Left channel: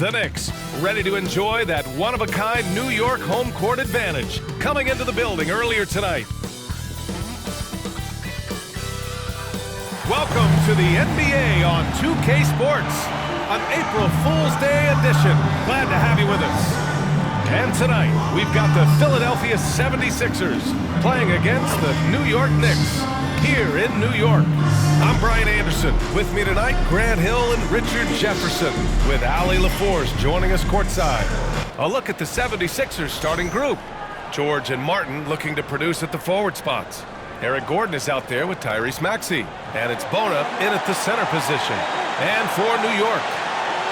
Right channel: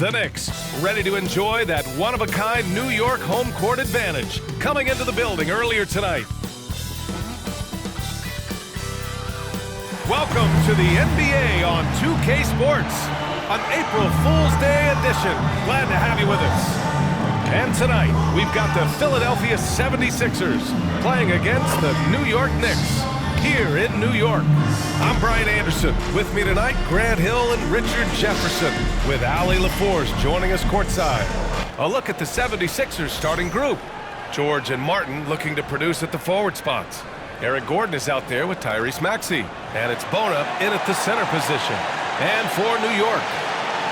The Knicks, ready to enjoy that one-of-a-kind New York home court advantage, coming into the building earlier tonight. Welcome to the NBA on 2K Sports, an April Fool's Day edition. Glad to have you with us. And tonight, we've got the Philadelphia 76ers playing against the New York Knicks here in New York. I'm Brian Anderson. With me tonight, Grant Hill and Richard Jefferson, with Allie LaForce joining us courtside. A look at the 76ers starting group. George and Martin looking to produce at the forward spots. Eric Gordon is out there with Tyrese Maxey. And it's Bona in at the center position. And for New York,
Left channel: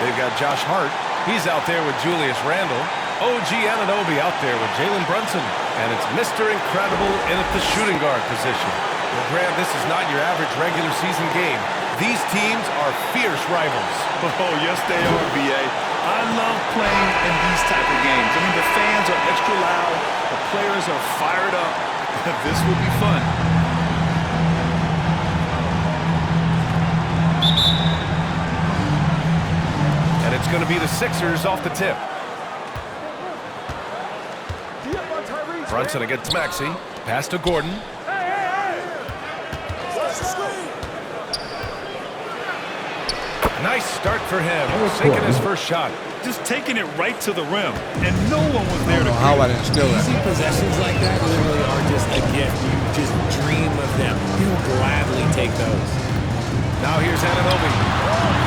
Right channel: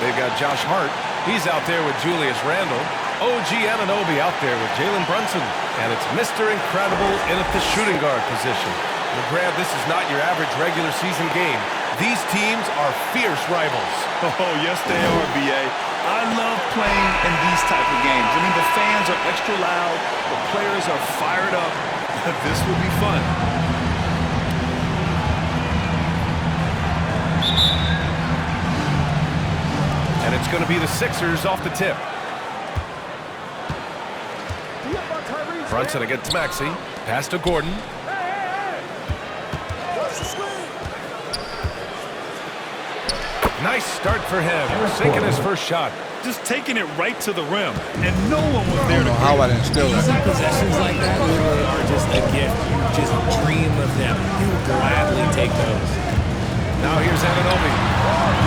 they've got Josh Hart. He's out there with Julius Randle. OG Anunoby out there with Jalen Brunson. And it's Mr. Incredible in at the shooting guard position. Well, Grant, this is not your average regular season game. These teams are fierce rivals. Oh, yes, they are, B.A. I love playing in these type of games. I mean, the fans are extra loud. The players are fired up. This will be fun. And it's going to be the Sixers off the tip. Brunson against Maxey. Pass to Gordon. Nice start for him, sinking his first shot. Just taking it right to the rim, and no one was there to how I didn't steal that. Easy possessions like that literally are just a gift. You just dream of them. You will gladly take those. Now here's Anunoby.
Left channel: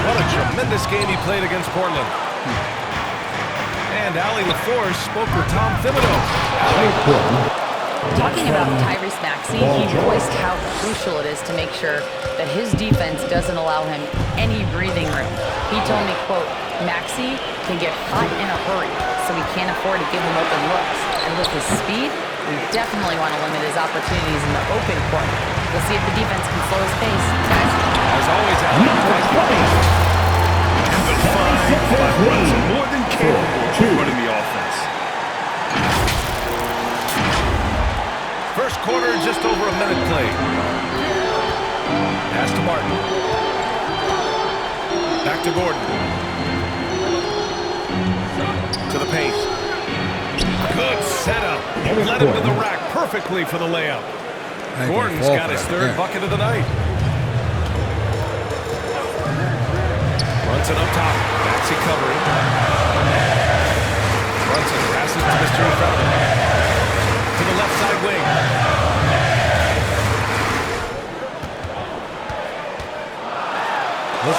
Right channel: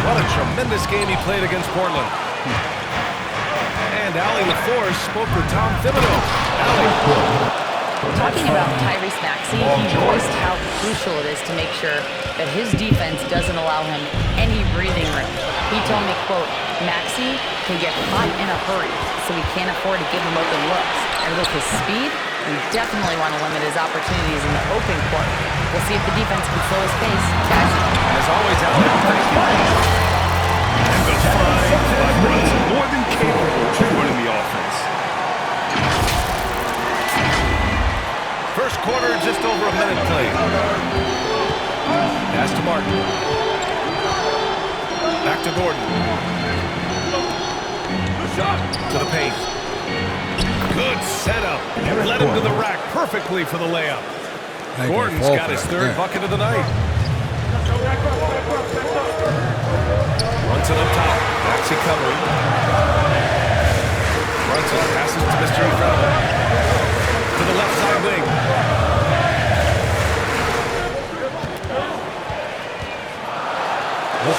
What a tremendous game he played against Portland. And Allie LaForce spoke with Tom Thibodeau. Allie. Talking about Tyrese Maxey, he voiced how crucial it is to make sure that his defense doesn't allow him any breathing room. He told me, quote, Maxey can get hot in a hurry, so we can't afford to give him open looks. And with his speed, we definitely want to limit his opportunities in the open court. We'll see if the defense can slow his pace. Guys. As always, Allie, we thank you. And the find by Brunson, more than capable of running the offense. First quarter, just over a minute played. Pass to Martin. Back to Gordon. To the paint. Good setup. Led him to the rack perfectly for the layup. Gordon's got his third bucket of the night. Brunson up top. Maxey covering. Brunson passes to Mr. Incredible. To the left side wing.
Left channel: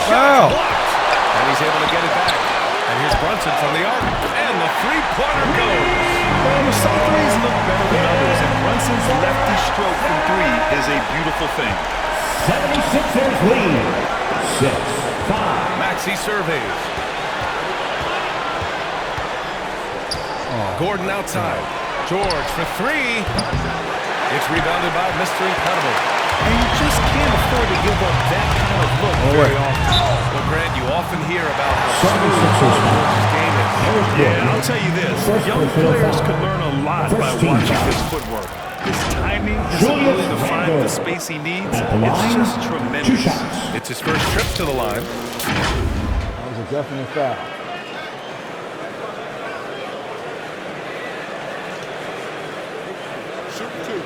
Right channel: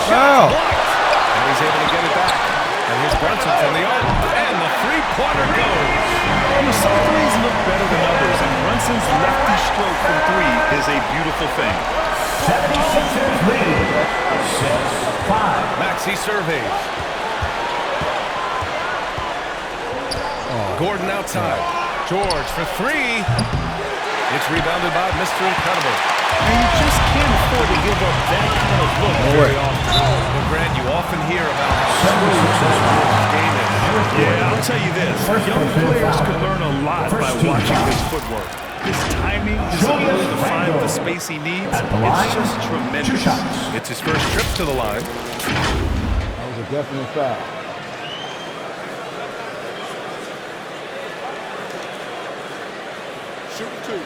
Shot blocked. And he's able to get it back. And here's Brunson from the arc. And the three-pointer goes. Some threes look better than others, and Brunson's lefty stroke from three is a beautiful thing. 76ers lead. 6-5. Maxey surveys. Gordon outside. George for three. It's rebounded by Mr. Incredible. And you just can't afford to give up that kind of look very often. Well, Grant, you often hear about how smooth Paul George's game is. Yeah, I'll tell you this. Young players can learn a lot by watching his footwork. His timing, his ability to find the space he needs, it's just tremendous. It's his first trip to the line. That was a definite foul. Shoot two.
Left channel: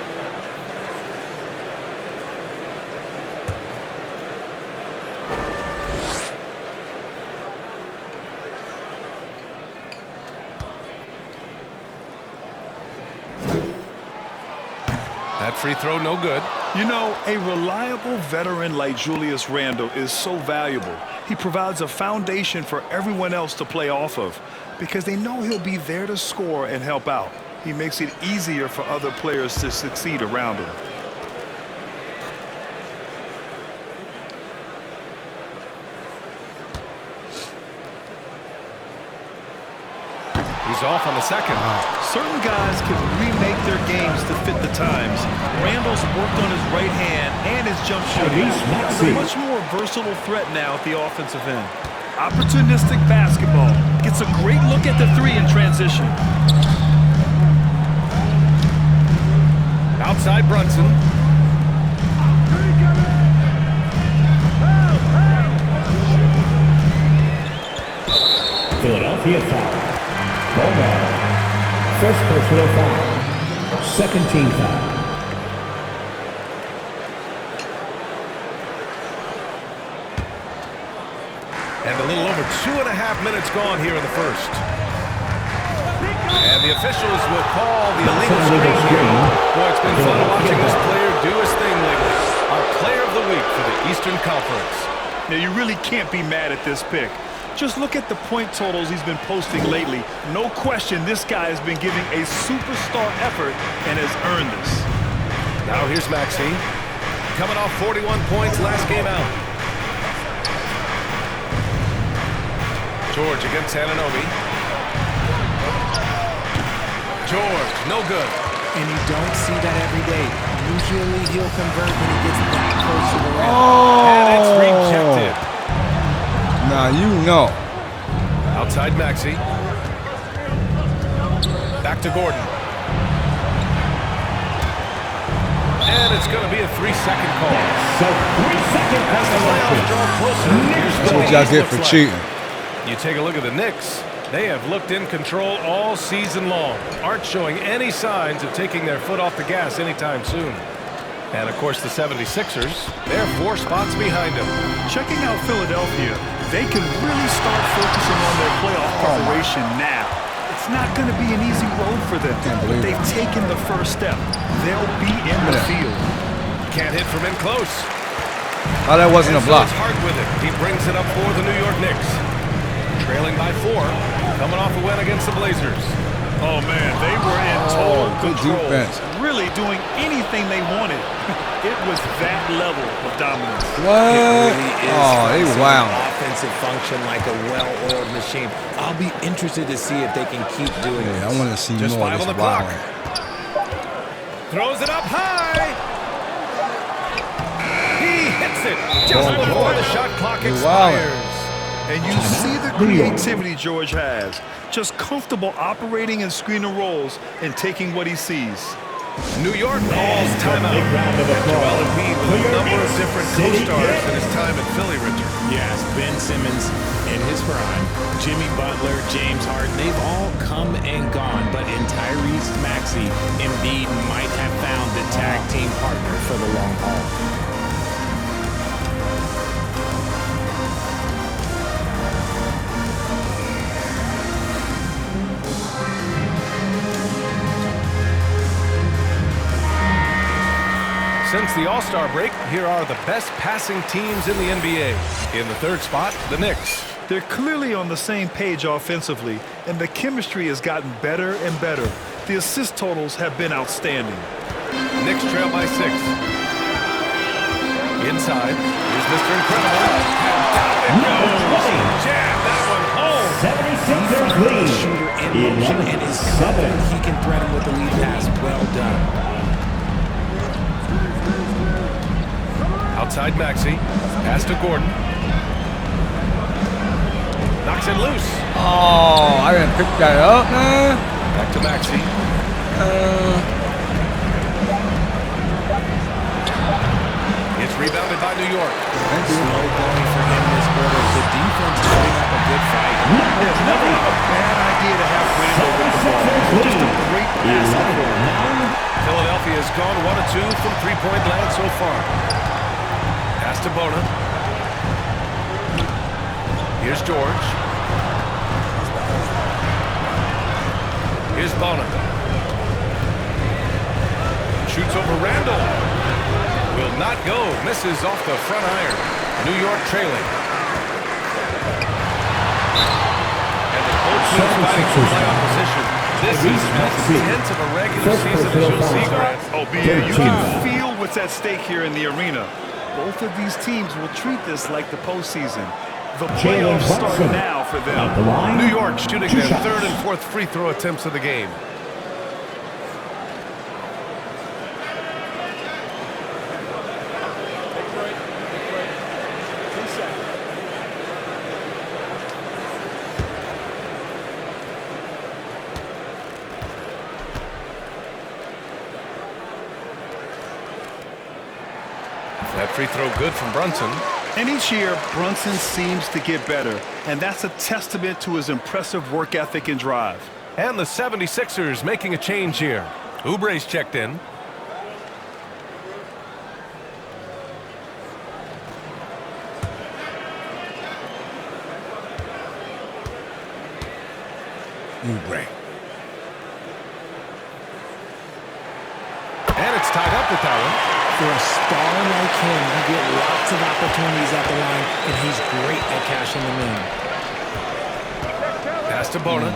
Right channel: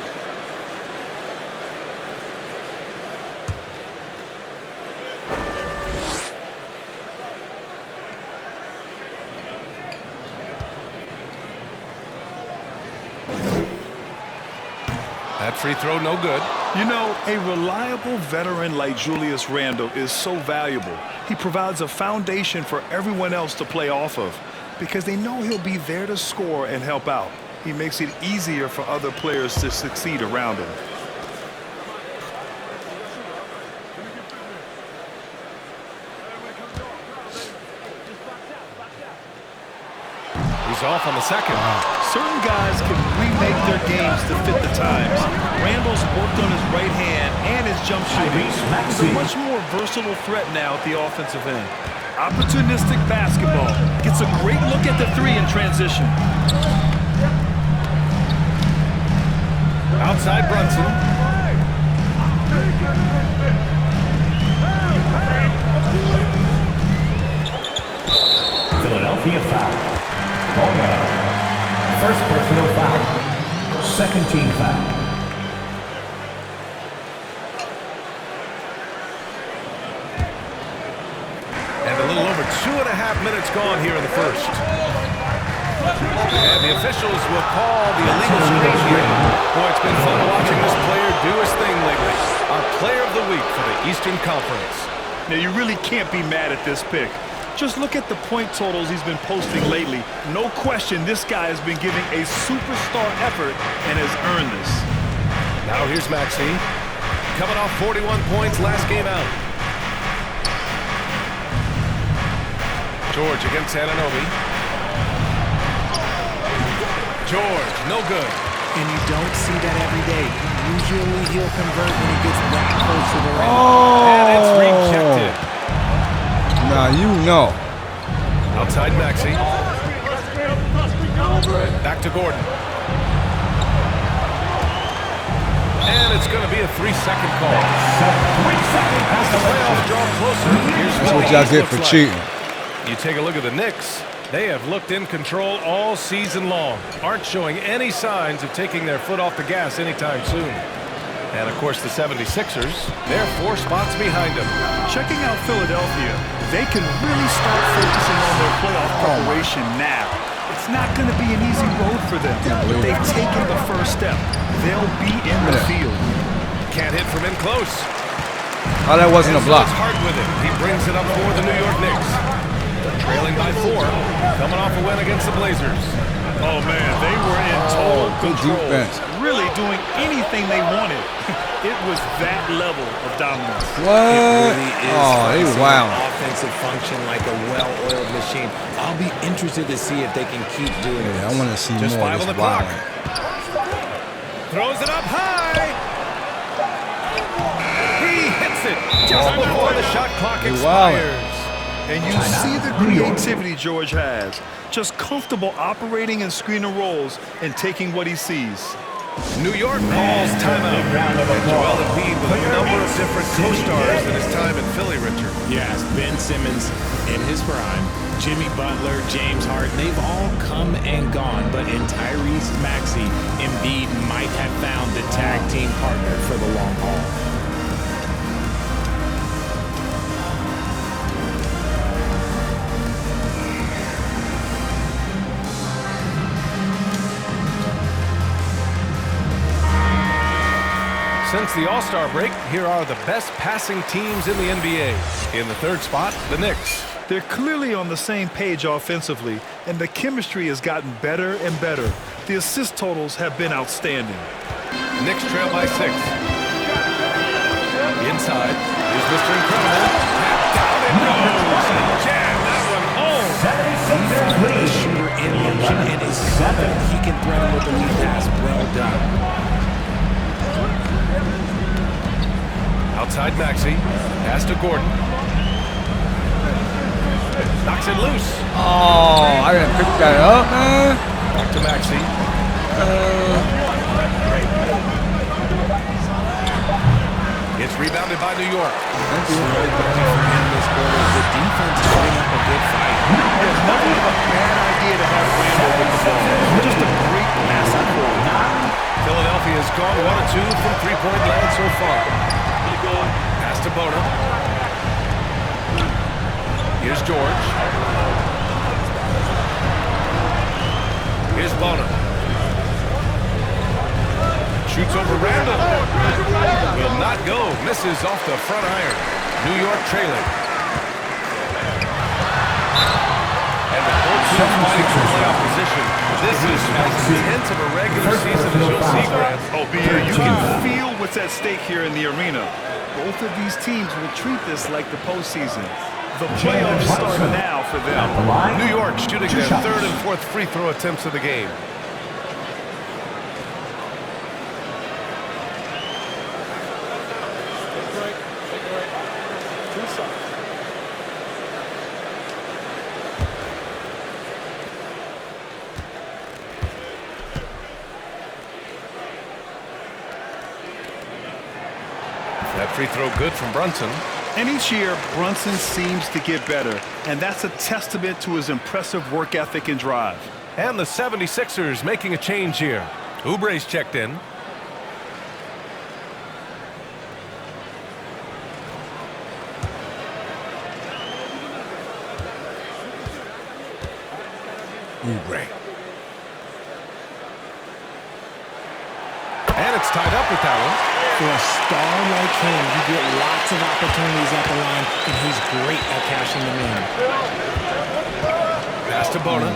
That free throw, no good. You know, a reliable veteran like Julius Randle is so valuable. He provides a foundation for everyone else to play off of because they know he'll be there to score and help out. He makes it easier for other players to succeed around him. He's off on the second. Certain guys can remake their games to fit the times. Randall's worked on his right hand and his jump shooting. He's a much more versatile threat now at the offensive end. Opportunistic basketball. Gets a great look at the three in transition. Outside Brunson. Philadelphia. Philadelphia foul. Ball now. First personal foul. Second team foul. And a little over 2.5 minutes gone here in the first. And the officials will call the illegal screen here. Boy, it's been fun watching this player do his thing lately. Our player of the week for the Eastern Conference. Now, you really can't be mad at this pick. Just look at the point totals he's been posting lately. No question this guy has been giving a superstar effort and has earned this. Now here's Maxey. Coming off 41 points last game out. George against Anunoby. George, no good. And you don't see that every day. Usually he'll convert when he gets that close to the rim. Oh. And it's rejected. Now you know. Outside Maxey. Back to Gordon. And it's going to be a 3-second call. So 3 seconds. As the playoffs draw closer, here's That's what what the y'all East get looks for like. cheating. You take a look at the Knicks. They have looked in control all season long. Aren't showing any signs of taking their foot off the gas anytime soon. And, of course, the 76ers, they're 4 spots behind them. Checking out Philadelphia, they can really start focusing on their playoff preparation now. It's not going to be an easy road for them, but they've taken the first step. They'll be in the field. Can't hit from in close. Oh, that wasn't And a so block. it's hard with it. He brings it up for the New York Knicks. Trailing by 4, coming off a win against the Blazers. Oh, man, they were in total good control, defense. really doing anything they wanted. It was that level of dominance. What? It really is Oh, fun they seeing wow. an offensive function like a well-oiled machine. I'll be interested to see if they can keep doing Yeah, this. I want to see Just more 5 of on the this clock. wilding. Throws it up high. He hits it just before the shot clock Hey, expires. And you see the creativity George has. Just comfortable operating in screen and rolls and taking what he sees. New York calls timeout. And Joel Embiid with a number of different co-stars in his time in Philly, Richard. Yes, Ben Simmons in his prime, Jimmy Butler, James Harden, they've all come and gone. But in Tyrese Maxey, Embiid might have found the tag team partner for the long haul. Since the All-Star break, here are the best passing teams in the NBA. In the third spot, the Knicks. They're clearly on the same page offensively, and the chemistry has gotten better and better. The assist totals have been outstanding. Knicks trail by 6. Inside, here's Mr. Incredible. And down it goes. Jam that one home. 76ers The lead. shooter in motion and is confident he can thread him with the lead pass. Well done. Outside Maxey. Pass to Gordon. Knocks it loose. Oh, I didn't pick that up, man. Back to Maxey. It's rebounded by New York. Thank you. Slow going for him this quarter. The defense is putting up a good fight. It's never a bad idea to have Randall with the ball. Just a great passing forward. Philadelphia has gone 1 of 2 from three-point land so far. Pass to Bona. Here's George. Here's Bona. Shoots over Randall. Will not go. Misses off the front iron. New York trailing. And the both teams fighting for playoff position. This is as intense of a regular season as you'll see, Grant. Oh, BA, you can feel what's at stake here in the arena. Both of these teams will treat this like the postseason. The playoffs start now for them. New York shooting their third and fourth free throw attempts of the game. Take break. 2 seconds. That free throw good from Brunson. And each year, Brunson seems to get better, and that's a testament to his impressive work ethic and drive. And the 76ers making a change here. Oubre's checked in. Oubre. And it's tied up with that one. For a star like him, you get lots of opportunities at the line, and he's great at cashing them in. Pass to Bona.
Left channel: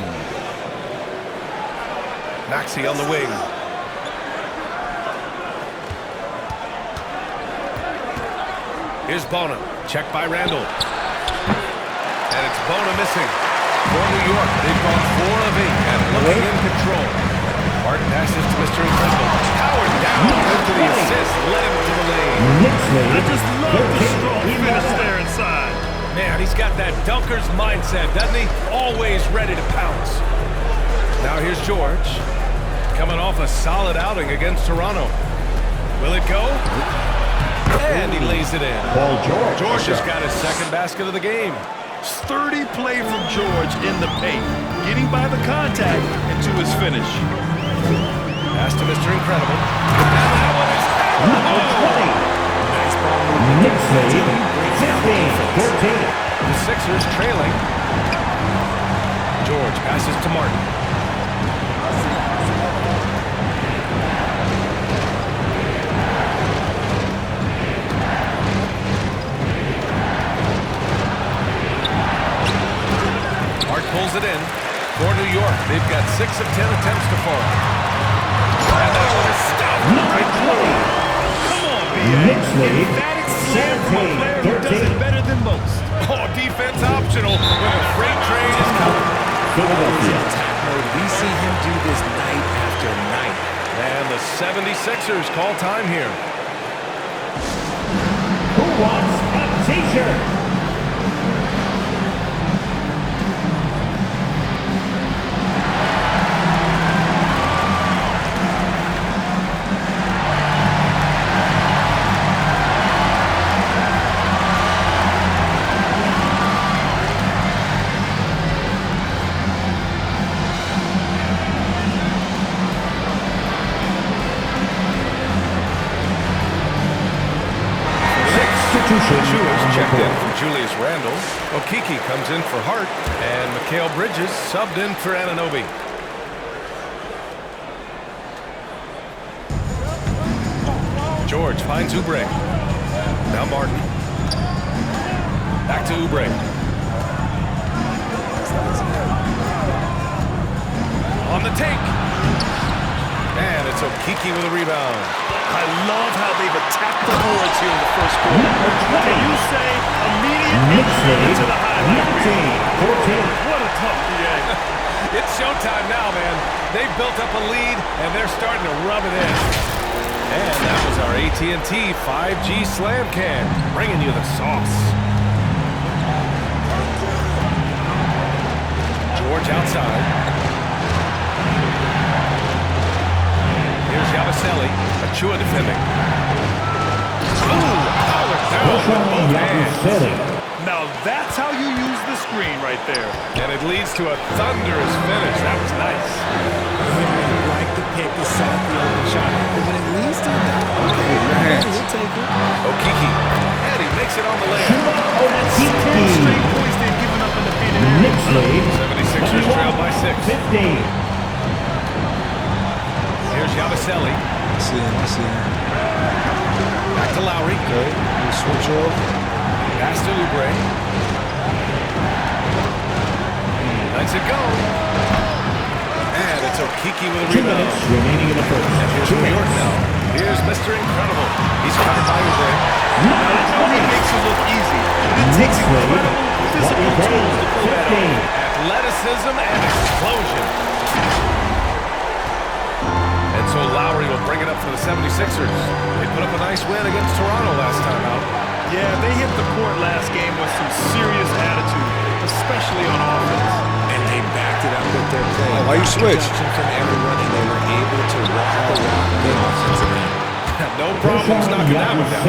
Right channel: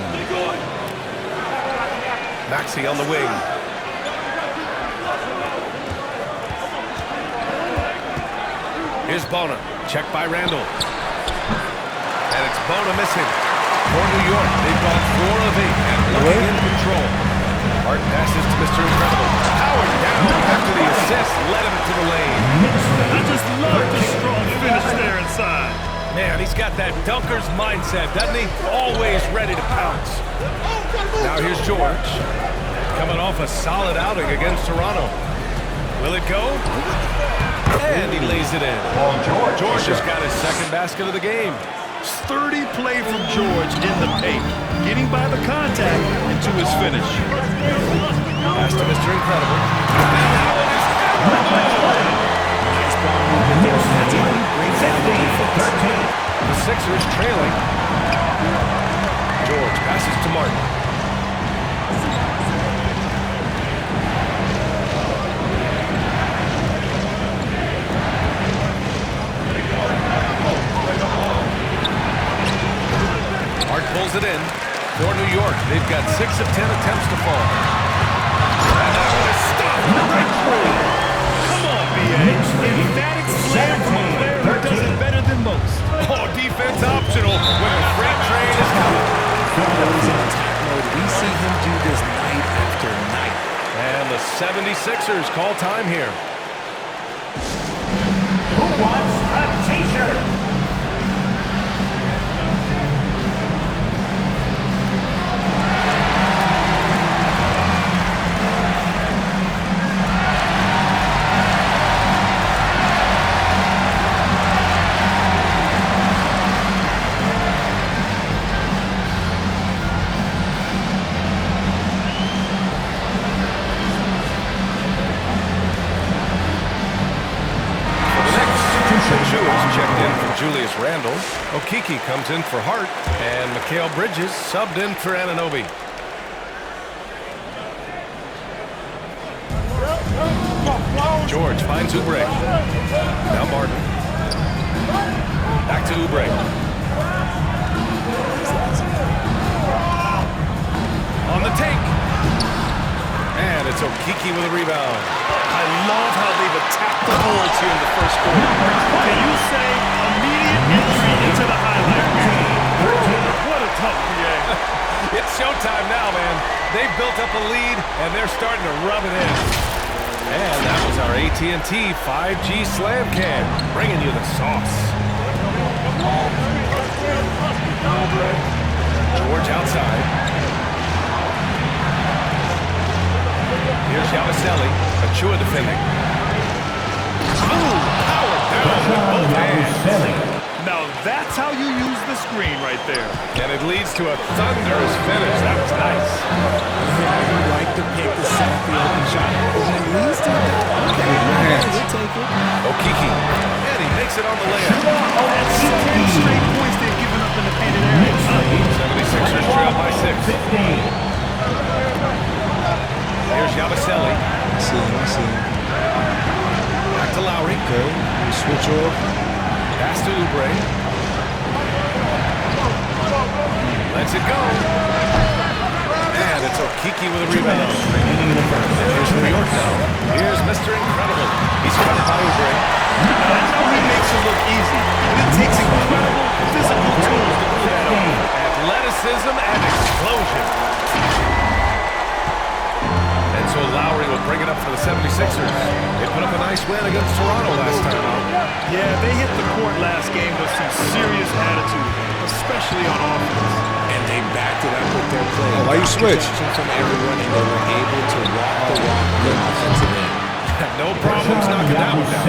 Maxey on the wing. Here's Bona. Checked by Randall. And it's Bona missing. For New York, they've gone 4 of 8 and looking in control. Hart passes to Mr. Incredible. Powered down after the assist. Led him to the lane. I just love the strong finish there inside. Man, he's got that dunker's mindset, doesn't he? Always ready to pounce. Now here's George. Coming off a solid outing against Toronto. Will it go? And he lays it in. George has got his second basket of the game. Sturdy play from George in the paint, getting by the contact and to his finish. Pass to Mr. Incredible. And that one is hammered home. Nice ball movement there. That's how you break down the defense. The Sixers trailing. George passes to Martin. Hart pulls it in for New York. They've got 6 of 10 attempts to fall. And that one is stuffed right through. Come on, B.A. Emphatic slam from a player who does it better than most. Oh, defense optional when the freight train is coming. Always in attack mode. We see him do this night after night. And the 76ers call time here. Who wants a t-shirt? Pachua's checked in for Julius Randle. Okeke comes in for Hart. And Mikal Bridges subbed in for Anunoby. George finds Oubre. Now Martin. Back to Oubre. On the take. And it's Okeke with a rebound. I love how they've attacked the boards here in the first quarter. Can you say immediate entry into the highlight reel? What a tough BA. It's showtime now, man. They've built up a lead, and they're starting to rub it in. And that was our AT&T 5G Slam Cam, bringing you the sauce. George outside. Here's Yabusele. Achua defending. Ooh, powered down with both hands. Now that's how you use the screen right there. And it leads to a thunderous finish. That was nice. You like to pick the set up the open shot, but when it leads to that, okay, we'll take it. Okeke. And he makes it on the layup. That's 10 straight points they've given up in the painted area. 76ers trail by 6. Here's Yabusele. I see him. Back to Lowry. Okay, you switch off. Pass to Oubre. Lets it go. And it's Okeke with a rebound. And here's New York now. Here's Mr. Incredible. He's covered by Oubre. Now I know he makes it look easy, but it takes incredible physical tools to pull that off. Athleticism and explosion. And so Lowry will bring it up for the 76ers. They put up a nice win against Toronto last time out. Yeah, they hit the court last game with some serious attitude, especially on offense. And they backed it up with their play. Oh, why you switch? Production from everyone, and they were able to walk the walk on the offensive end. No problems knocking that one down.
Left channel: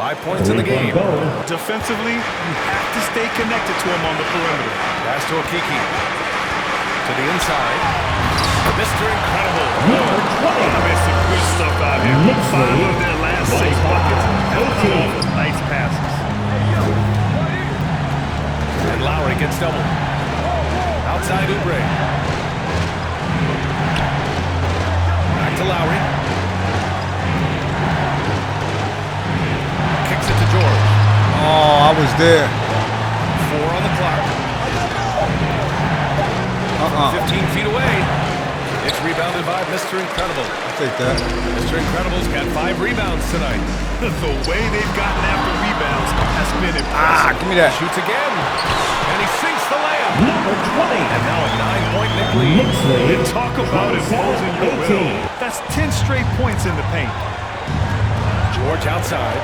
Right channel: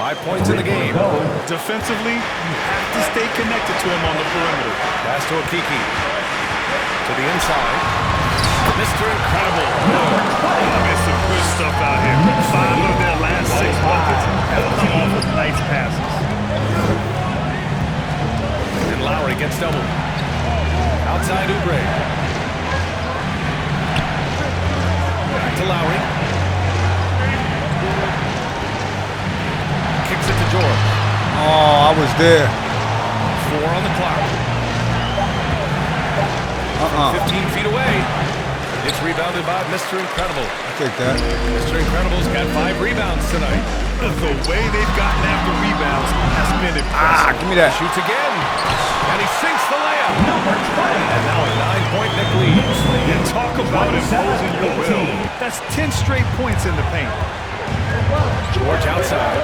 5 points in the game. Defensively, you have to stay connected to him on the perimeter. Pass to Okiki. To the inside. Mr. Incredible. Good. I mean, some good stuff out here. 5 of their last 6 buckets have come off of nice passes. And Lowry gets doubled. Outside Oubre. Back to Lowry. Kicks it to George. Oh, I was there. 4 on the clock. From 15 feet away. It's rebounded by Mr. Incredible. I take that. Mr. Incredible's got 5 rebounds tonight. The way they've gotten after rebounds has been impressive. Give me that. Shoots again. And he sinks the layup. Number 20. And now a 9-point Knicks lead. Knicks lead. And talk about imposing your will. 18. That's 10 straight points in the paint. George outside.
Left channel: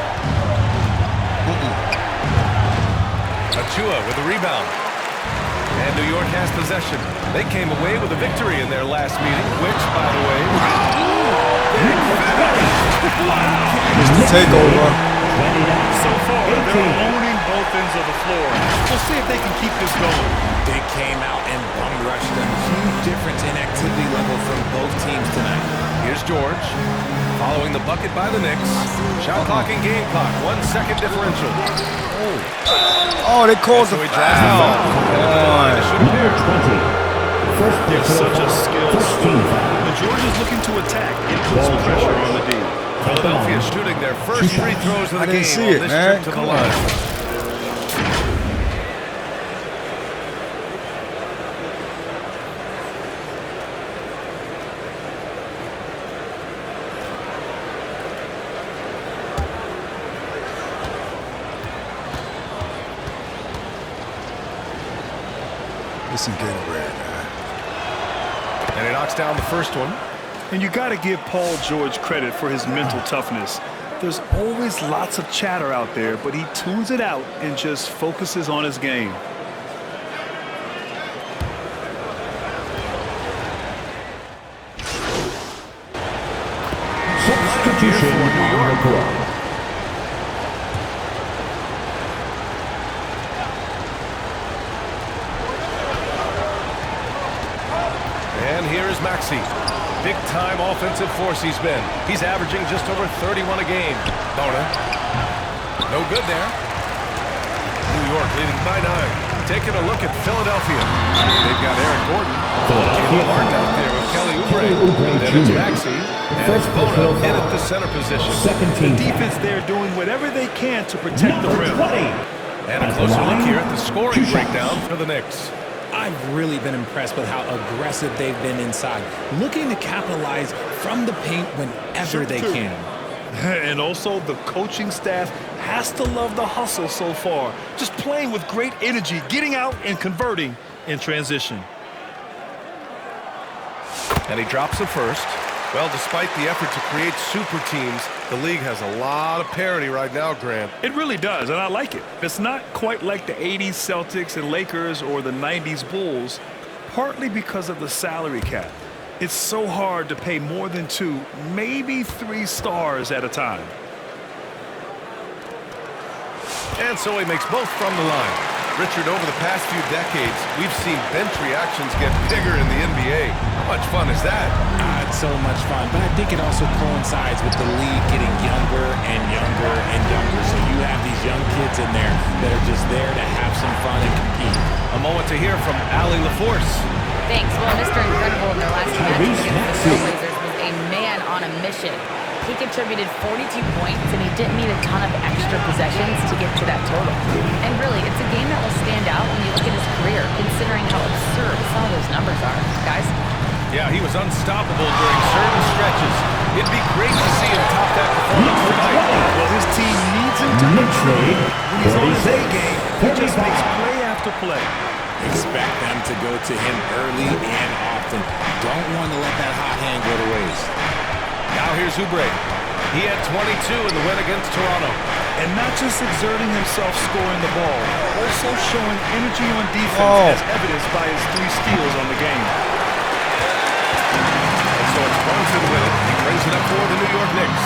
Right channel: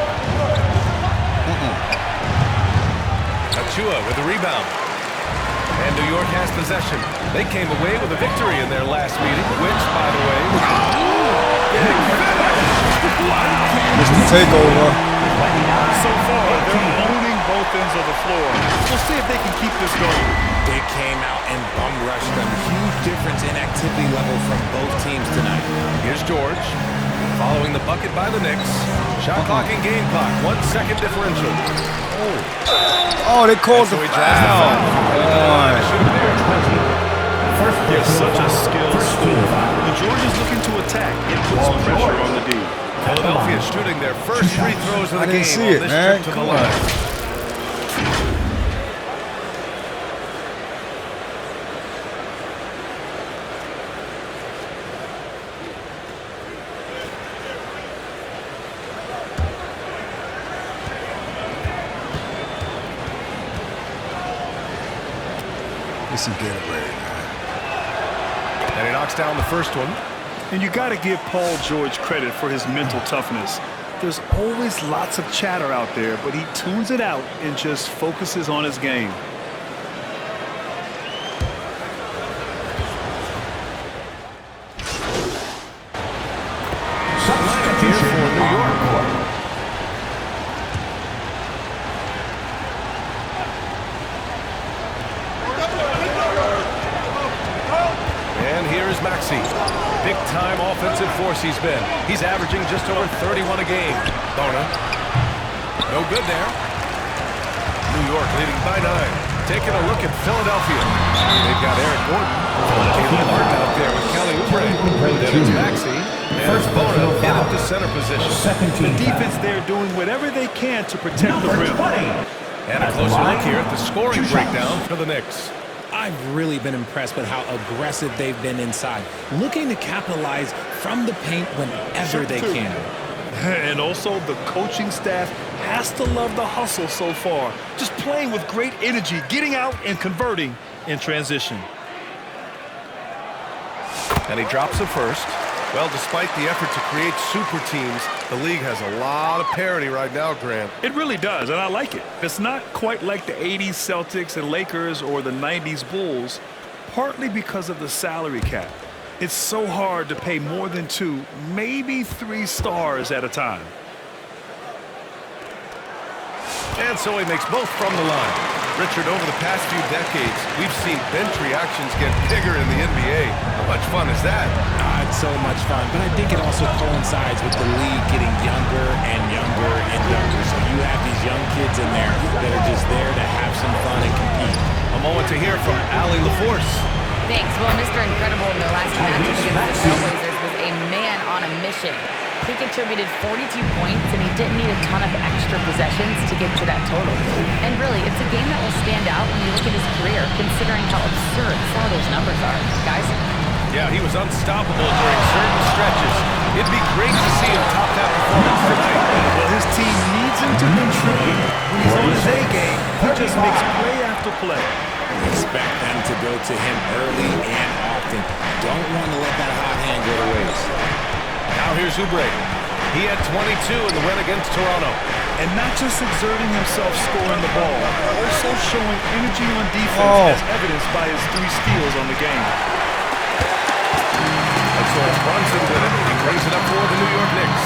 Achua with the rebound. And New York has possession. They came away with a victory in their last meeting, which, by the way, big finish! Wow! Mr. Takeover. So far, they're owning both ends of the floor. We'll see if they can keep this going. They came out and bum rushed them. Huge difference in activity level from both teams tonight. Here's George, following the bucket by the Knicks. Shot clock and game clock, 1 second differential. Oh, they called So the he draws the foul. foul. And at the line to shoot a pair. 20. First They're personal such a foul. skilled First team scorer. foul. When George is looking to attack, it puts pressure on the D. Philadelphia shooting their first free throws of the I didn't game see on it, this man. trip to the Come on. line. Listen, get it ready, man. And he knocks down the first one. And you got to give Paul George credit for his mental toughness. There's always lots of chatter out there, but he tunes it out and just focuses on his game. Substitution for New York. on the court. And here is Maxey. Big-time offensive force he's been. He's averaging just over 31 a game. Bona. No good there. New York leading by 9. Taking a look at Philadelphia. They've got Aaron Gordon. Caleb Martin out there with Kelly Oubre. Then it's Maxey. And it's Bona in at the center position. Second The team defense foul. there doing whatever they can to protect the Number rim. 20. And a At the closer line, look here at the scoring 2 shots. breakdown for the Knicks. I've really been impressed with how aggressive they've been inside, looking to capitalize from the paint whenever they can. And also, the coaching staff has to love the hustle so far. Just playing with great energy, getting out and converting in transition. And he drops it first. Well, despite the effort to create super teams, the league has a lot of parity right now, Grant. It really does, and I like it. It's not quite like the 80s Celtics and Lakers or the 90s Bulls, partly because of the salary cap. It's so hard to pay more than 2, maybe 3 stars at a time. And so he makes both from the line. Richard, over the past few decades, we've seen bench reactions get bigger in the NBA. How much fun is that? It's so much fun, but I think it also coincides with the league getting younger and younger and younger. So you have these young kids in there that are just there to have some fun and compete. A moment to hear from Allie LaForce. Thanks. Well, Mr. Incredible in their last matches against the Trailblazers was a man on a mission. He contributed 42 points, and he didn't need a ton of extra possessions to get to that total. And really, it's a game that will stand out when you look at his career, considering how absurd some of those numbers are. Guys? Yeah, he was unstoppable during certain stretches. It'd be great to see him top that performance tonight. Well, his team needs him to contribute. When he's on his A game, he just makes play after play. Expect them to go to him early and often. Don't want to let that hot hand go to waste. Now here's Oubre. He had 22 in the win against Toronto. And not just exerting himself scoring the ball, also showing energy on defense as evidenced by his 3 steals on the game. And so it's Brunson with it. He brings it up for the New York Knicks.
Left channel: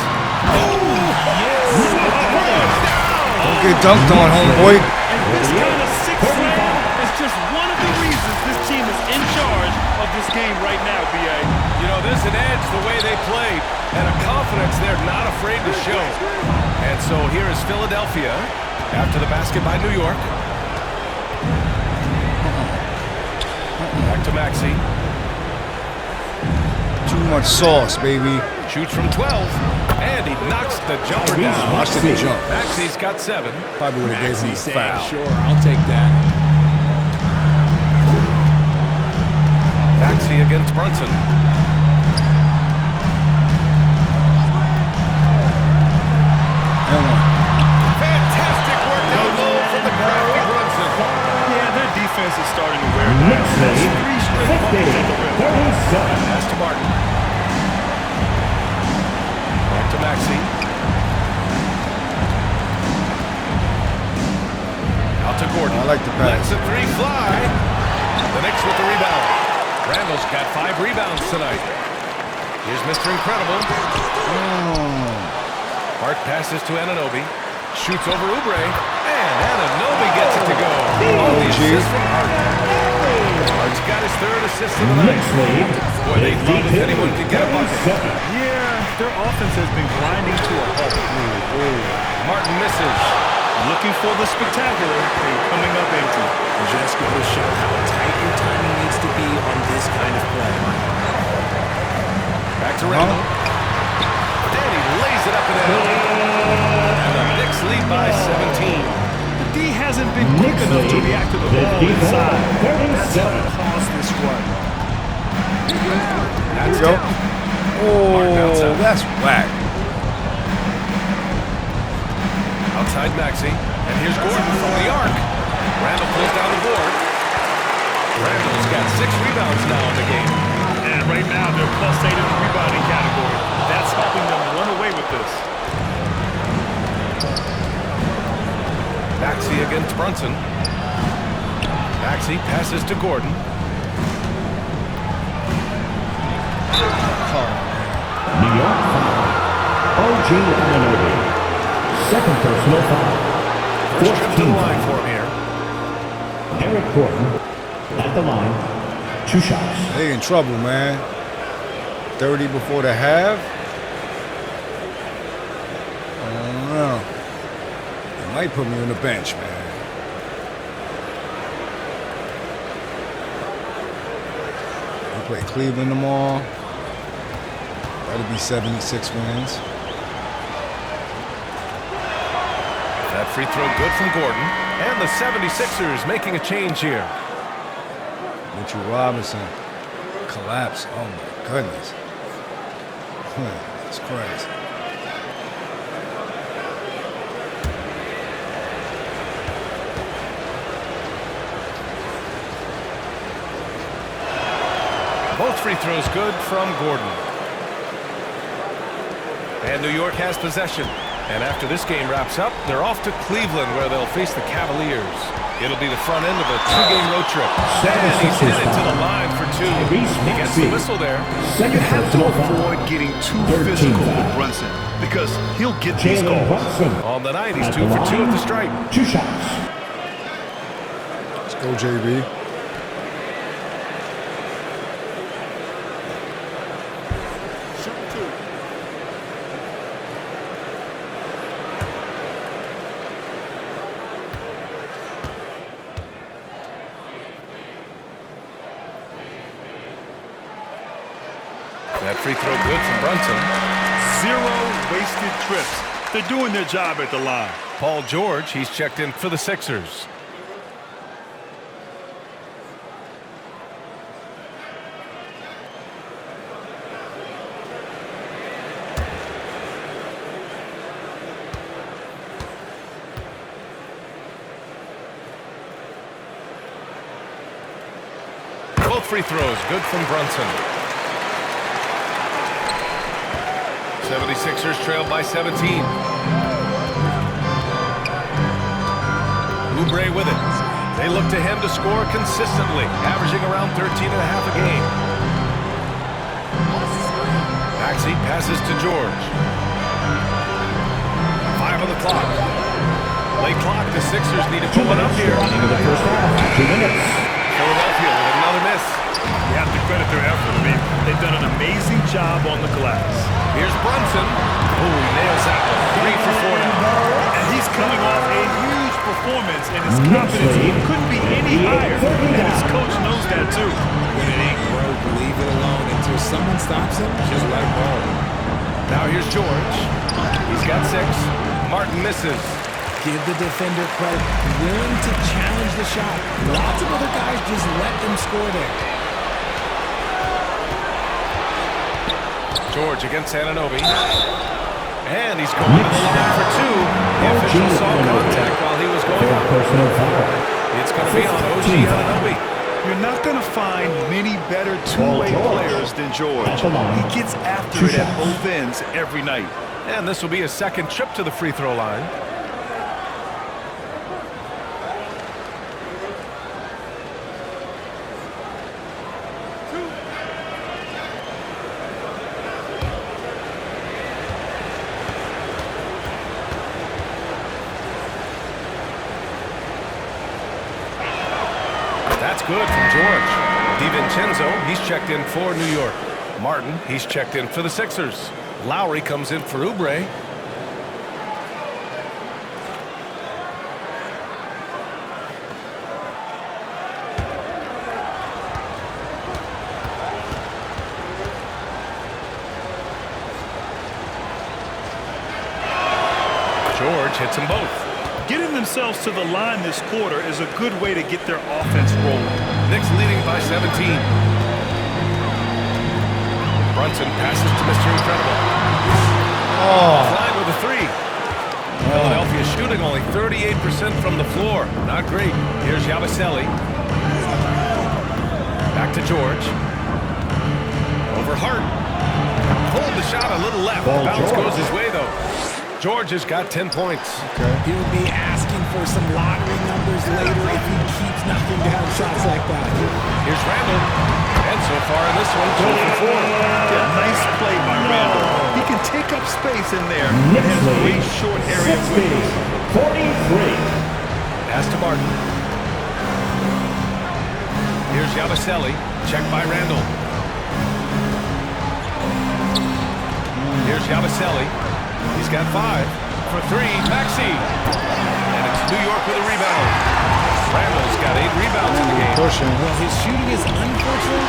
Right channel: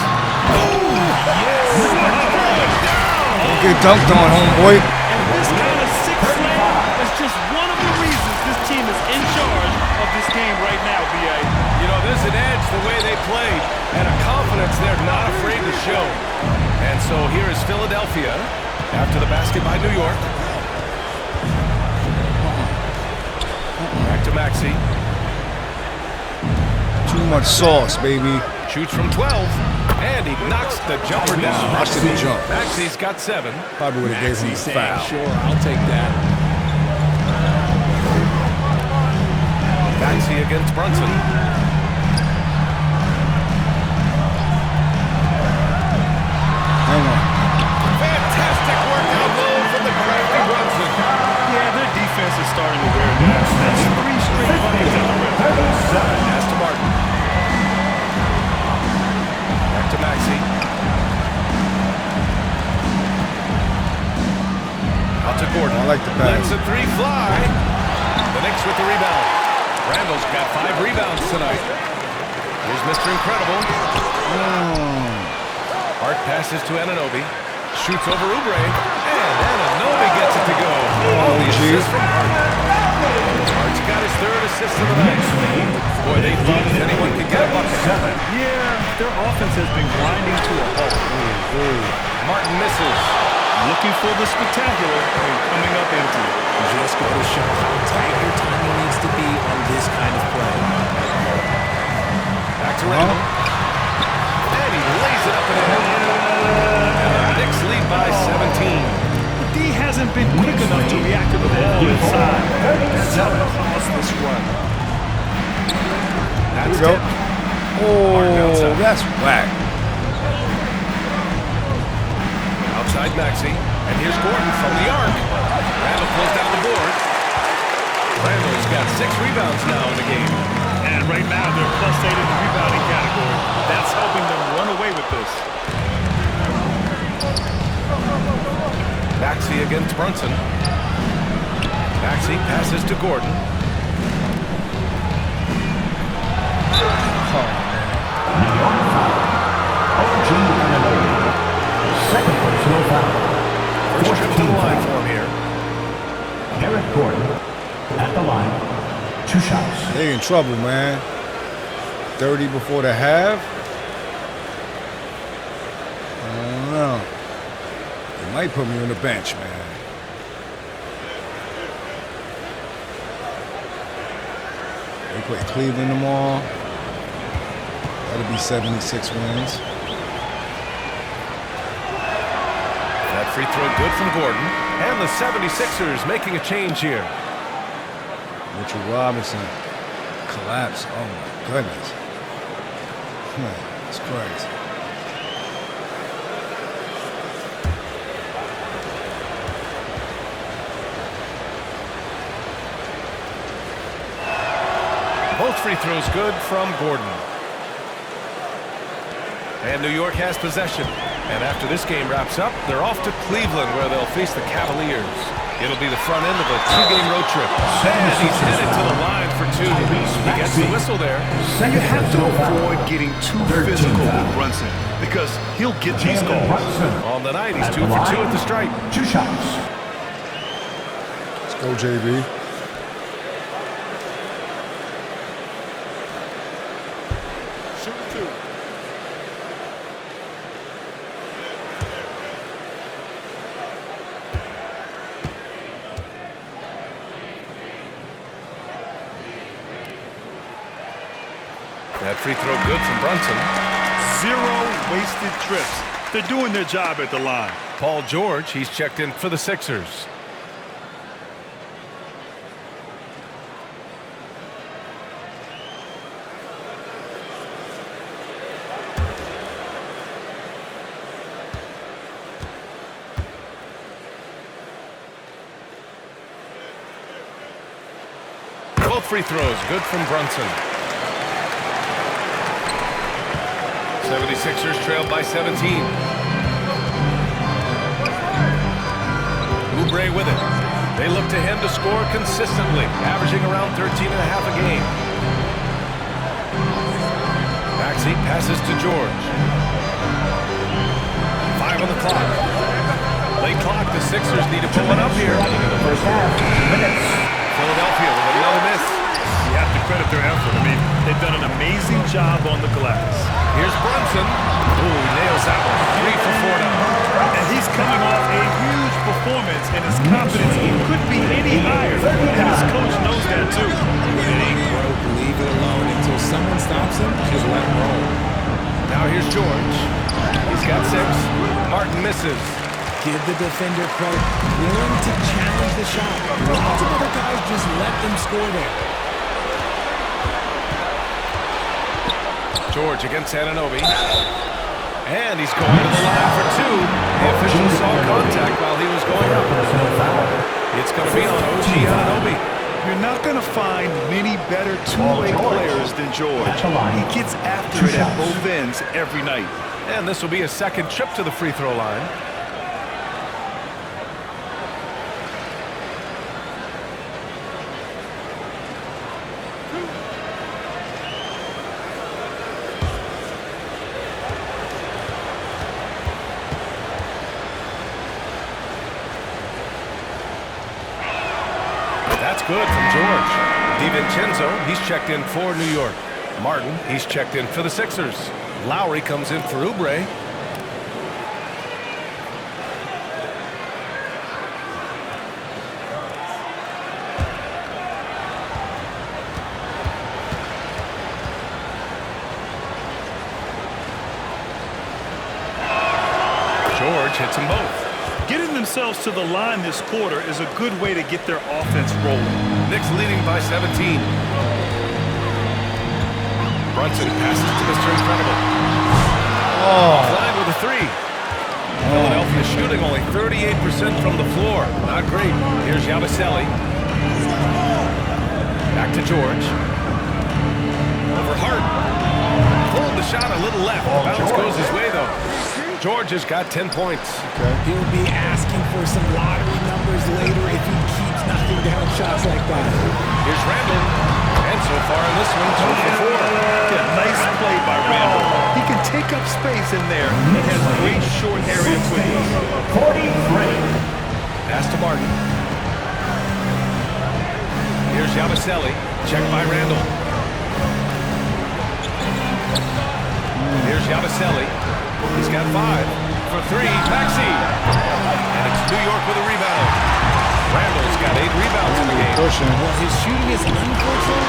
Don't get dunked on, homeboy. And this kind of sick slam is just one of the reasons this team is in charge of this game right now, B.A. You know, there's an edge the way they played and a confidence they're not afraid to show. And so here is Philadelphia after the basket by New York. Back to Maxey. Too much sauce, baby. Shoots from 12, and he knocks the jumper down. Watch the jump. Maxey's got 7. Probably would have gave him Maxey the saying, foul. sure, I'll take that. Maxey against Brunson. And one. Fantastic work down low from the crafty Brunson. Yeah, their defense is starting to wear down. That's 3 straight buckets at the rim. Pass to Martin. Back to Maxey. Out to Gordon. I like the pass. Lets the 3 fly. The Knicks with the rebound. Randall's got 5 rebounds tonight. Here's Mr. Incredible. Hart passes to Anunoby. Shoots over Oubre. And Anunoby gets it to go. Oh, the assist from Hart. Hart's got his 3rd assist of the night. Boy, they'd love if anyone could get a bucket. Yeah, their offense has been grinding to a halt. Martin misses. Looking for the spectacular and coming up empty. Just go to show how tight your timing needs to be on this kind of play. Back to Randall. And he lays it up and in. And the Knicks lead by 17. The D hasn't been quick enough to react to the ball inside. That's how it caused this run. That's Here we go. Martin Oh, outside. that's whack. Outside Maxey. And here's Gordon from the arc. Randall pulls down the board. Randall's got 6 rebounds now in the game. And right now, they're +8 in the rebounding category. That's helping them run away with this. Maxey against Brunson. Maxey passes to Gordon. Oh, man. New York foul. OG Anunoby. Second personal foul. First trip to the line for him here. Eric Gordon at the line. 2 shots. They in trouble, man. 30 before the half. I don't know. They might put me on the bench, man. We play Cleveland tomorrow. That'll be 76 wins. That free throw good from Gordon. And the 76ers making a change here. Mitchell Robinson collapse. Oh my goodness. Man, that's crazy. Both free throws good from Gordon. And New York has possession. And after this game wraps up, they're off to Cleveland where they'll face the Cavaliers. It'll be the front end of a 2-game road trip. And he's headed to the line for 2. He gets the whistle there. And you have to avoid getting too physical with Brunson because he'll get these calls. On the night, he's 2 for 2 at the stripe. 2 shots. Let's go, JB. Shooting 2. That free throw good from Brunson. 0 wasted trips. They're doing their job at the line. Paul George, he's checked in for the Sixers. Both free throws good from Brunson. 76ers trailed by 17. Oubre with it. They look to him to score consistently, averaging around 13.5 a game. Maxey passes to George. 5 on the clock. Late clock, the Sixers need to put one up here. Running in the first half. 2 minutes. Philadelphia with another miss. You have to credit their effort. I mean, they've done an amazing job on the glass. Here's Brunson. Oh, he nails that one. 3 for 4 now. And he's coming off a huge performance, and his confidence couldn't be any higher. And his coach knows that, too. When it ain't broke, leave it alone until someone stops him. Just let him roll. Now here's George. He's got 6. Martin misses. Give the defender credit. Willing to challenge the shot. Lots of other guys just let them score there. George against Anunoby. And he's going to the line for 2. The official saw contact while he was going up. Personal foul. It's going to be on OG Anunoby. You're not going to find many better two-way players than George. He gets after it at both ends every night. And this will be a second trip to the free throw line. That's good from George. DiVincenzo, he's checked in for New York. Martin, he's checked in for the Sixers. Lowry comes in for Oubre. George hits them both. Getting themselves to the line this quarter is a good way to get their offense rolling. Knicks leading by 17. Brunson passes to Mr. Incredible. Offline with a 3. Philadelphia shooting only 38% from the floor. Not great. Here's Yabusele. Back to George. Over Hart. Pulled the shot a little left. The bounce goes his way, though. George has got 10 points. He'll be asking for some lottery numbers later if he keeps knocking down shots like that. Here's Randall. And so far in this one, 2 for 4. Yeah, nice play by Randall. He can take up space in there and has great short area quickness. 43. Pass to Martin. Here's Yabusele. Checked by Randall. Here's Yabusele. He's got 5 for 3. Maxey. And it's New York with a rebound. Randall's got 8 rebounds in the game. Well, his shooting is unfortunately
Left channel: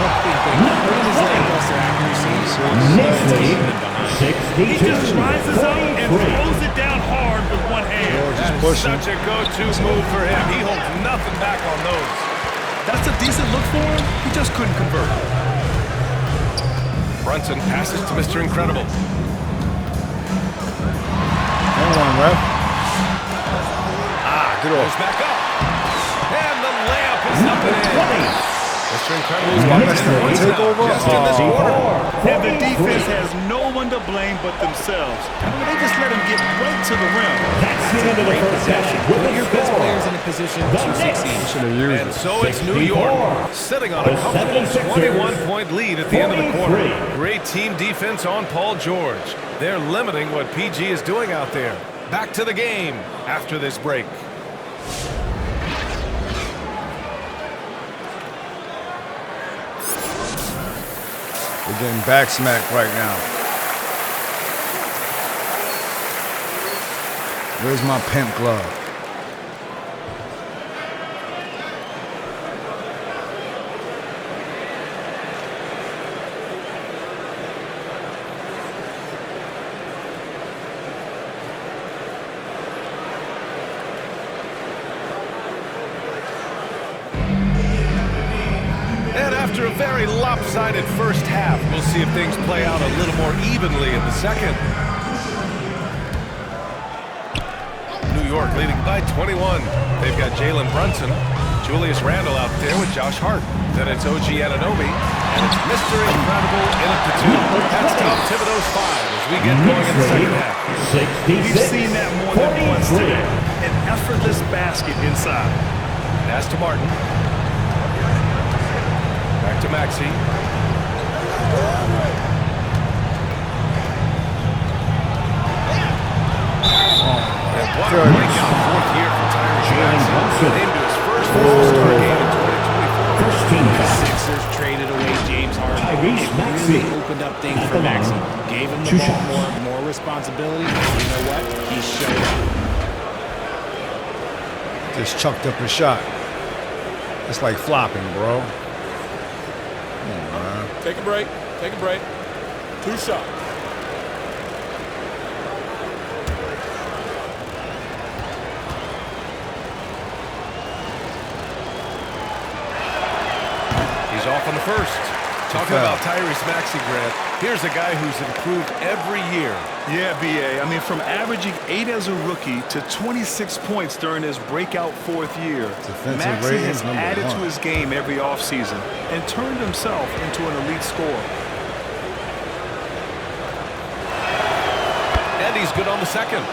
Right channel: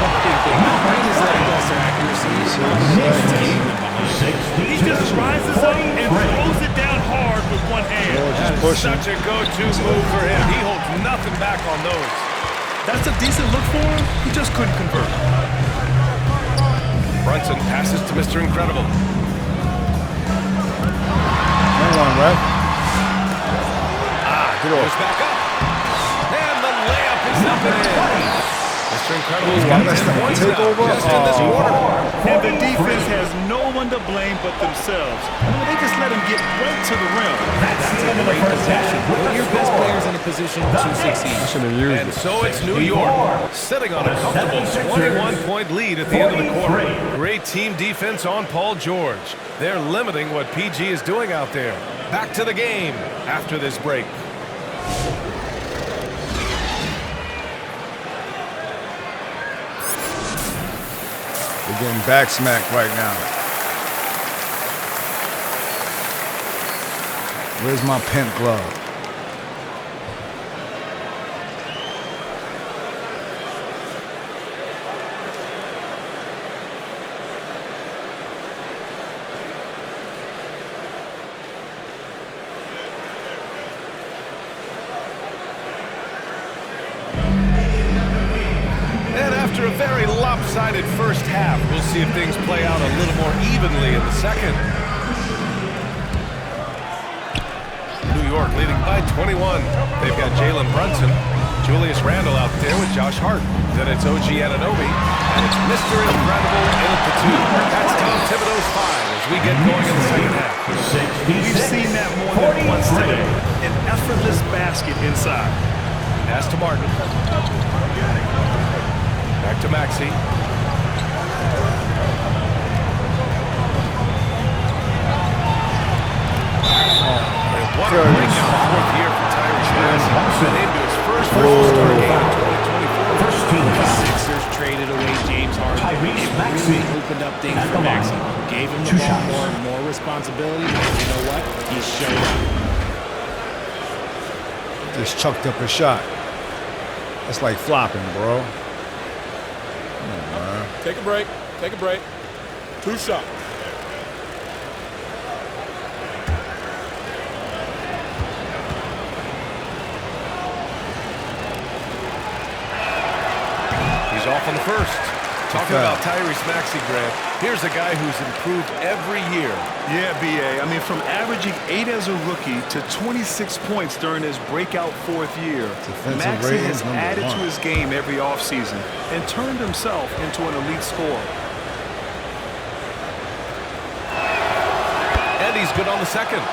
not anything. And his lackluster accuracy is probably keeping them behind. He just rises up and throws it down hard with one hand. That is such a go-to move for him. He holds nothing back on those. That's a decent look for him. He just couldn't convert. Brunson passes to Mr. Incredible. And one, ref. Get off. Goes back up. And the layup is up and in. Mr. Incredible's got 10 points now, just in this quarter. And the defense has no one to blame but themselves. I mean, they just let him get right to the rim. That's the end of the Great first possession. half. Put your best players in a position to succeed. Should have used And it. so it's New York, sitting on a comfortable 21-point lead at the end of the quarter. Great team defense on Paul George. They're limiting what PG is doing out there. Back to the game after this break. They're getting back smacked right now. Where's my pimp glove? And after a very lopsided first half, we'll see if things play out a little more evenly in the second. New York leading by 21. They've got Jalen Brunson, Julius Randle out there with Josh Hart. Then it's OG Anunoby, and it's Mr. Incredible in at the 2. That's Tom Thibodeau's 5 as we get going in the second half. We've seen that more than once today. An effortless basket inside. Pass to Martin. Back to Maxey. And what a breakout fourth year for Tyrese Maxey. Named to his first All-Star game in 2024. First team The foul. Sixers traded away James Harden. Tyrese It Maxey really opened up things at for the line. Maxey. Gave him the Two ball shots. more responsibility. And you know what? He showed up. Just chucked up a shot. That's like flopping, bro. Come on, man. Take a break. Take a break. 2 shots. He's off on the first. Talking about Tyrese Maxey, Grant, here's a guy who's improved every year. Yeah, B.A. I mean, from averaging 8 as a rookie to 26 points during his breakout fourth year, Defensive Maxey rating has number added 1. to his game every offseason and turned himself into an elite scorer. And he's good on the second.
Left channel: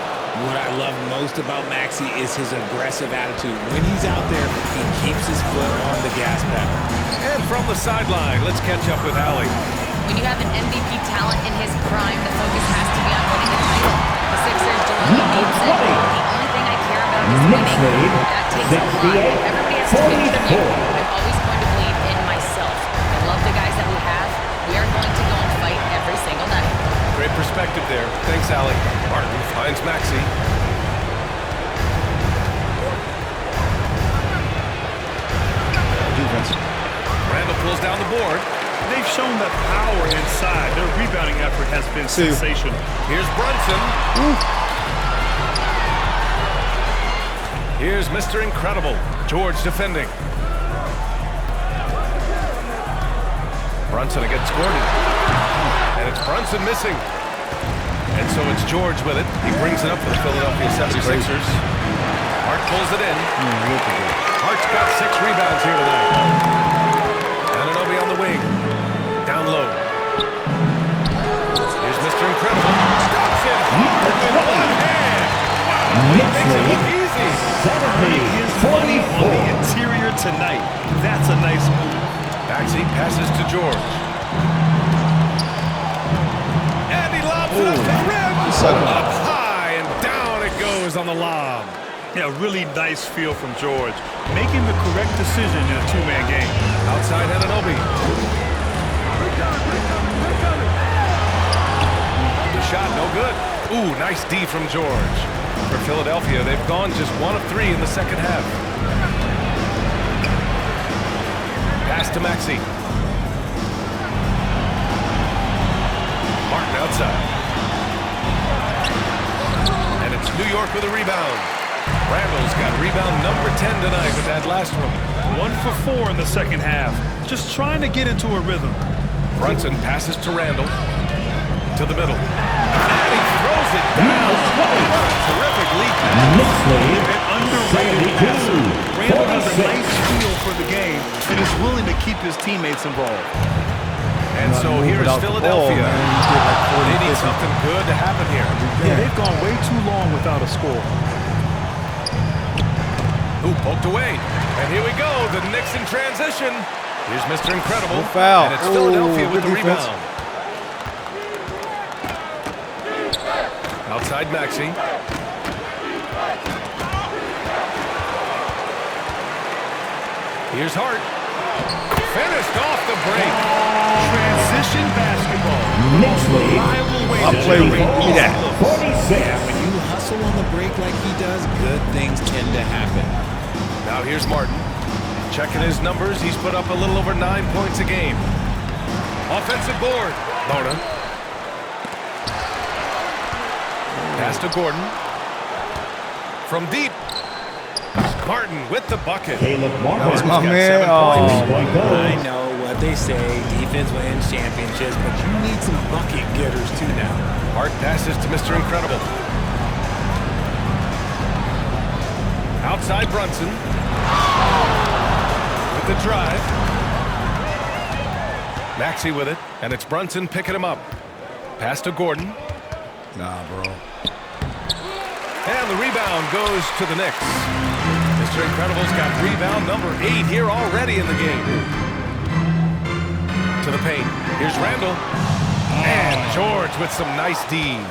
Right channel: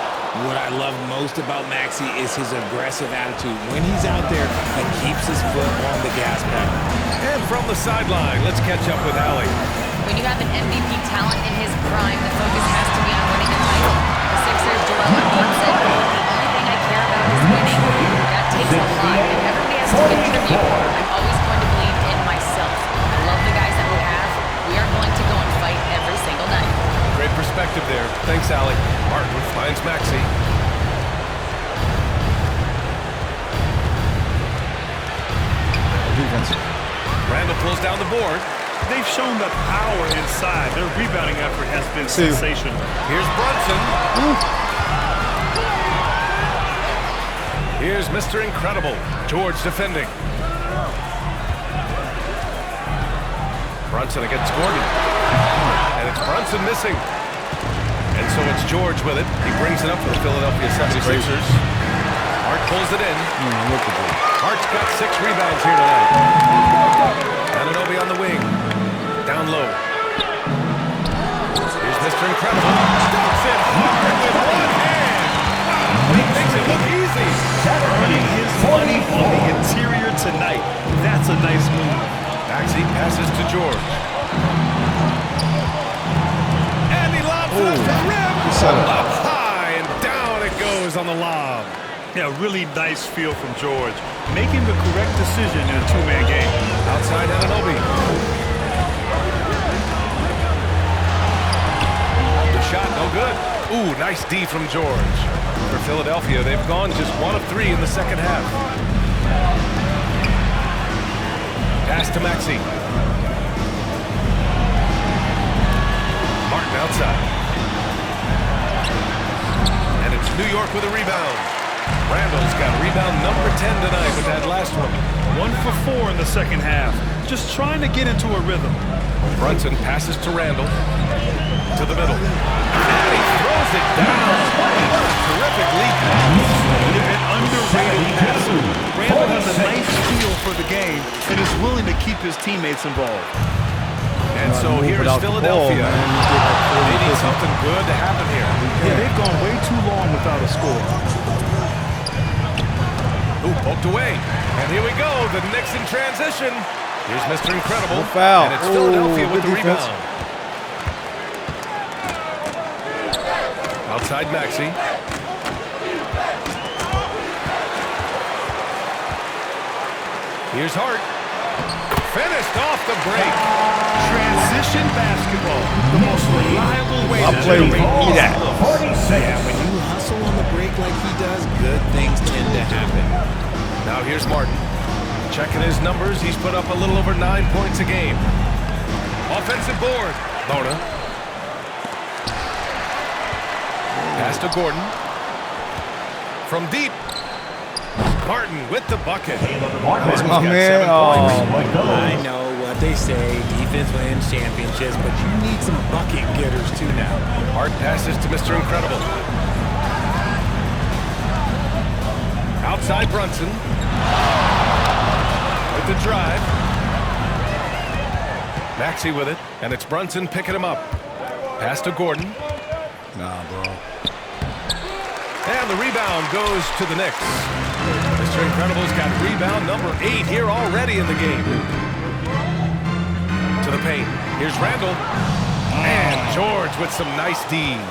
What I love most about Maxey is his aggressive attitude. When he's out there, he keeps his foot on the gas pedal. And from the sideline, let's catch up with Allie. When you have an MVP talent in his prime, the focus has to be on winning the title. The Sixers' Joel Embiid said, quote, "The only thing I care about is winning. That takes a lot, and everybody has to contribute. I'm always going to believe in myself. I love the guys that we have. We are going to go and fight every single night." Great perspective there. Thanks, Allie. Martin finds Maxey. Defense. Randall pulls down the board. They've shown that power inside. Their rebounding effort has been See you. sensational. Here's Brunson. Here's Mr. Incredible, George defending. Brunson against Gordon. And it's Brunson missing. And so it's George with it. He brings it up for the Philadelphia 76ers. Hart pulls it in. Hart's got 6 rebounds here tonight. Anunoby on the wing. Down low. Here's Mr. Incredible. Dunks it hard with one hand. Wow, he makes it look easy. Earning his money on the interior tonight. That's a nice move. Maxey passes to George. And he lobs it up to the rim. Up high and down it goes on the lob. Yeah, really nice feel from George. Making the correct decision in a 2-man game. Outside Anunoby. The shot, no good. Ooh, nice D from George. For Philadelphia, they've gone just 1 of 3 in the second half. Pass to Maxey. Martin outside. And it's New York with a rebound. Randall's got rebound number 10 tonight with that last one. 1 for 4 in the second half. Just trying to get into a rhythm. Brunson passes to Randall. To the middle. And he throws it down. What a terrific lead pass. An underrated passer. Randall has a nice feel for the game and is willing to keep his teammates involved. And so here's Philadelphia. Ball, They need something good to happen here. Yeah, they've gone way too long without a score. Ooh, poked away. And here we go, the Knicks in transition. Here's Mr. Incredible. No foul. And it's Philadelphia with good the defense. rebound. Outside Maxey. Here's Hart. Finished off the break. Transition basketball. The most reliable way I'll to play with generate you. That. looks. 46. Yeah, when you hustle on the break like he does, good things tend to happen. Now here's Martin. Checking his numbers, he's put up a little over 9 points a game. Offensive board. Bona. Pass to Gordon. From deep. Martin with the bucket. Caleb Martin. That was my Martin's got man. 7 points. Oh, my God. I know what they say, defense wins championships, but you need some bucket getters too now. Hart passes to Mr. Incredible. Outside Brunson. With the drive. Maxey with it, and it's Brunson picking him up. Pass to Gordon. Nah, bro. And the rebound goes to the Knicks. Mr. Incredible's got rebound number 8 here already in the game. To the paint. Here's Randall. And George with some nice D.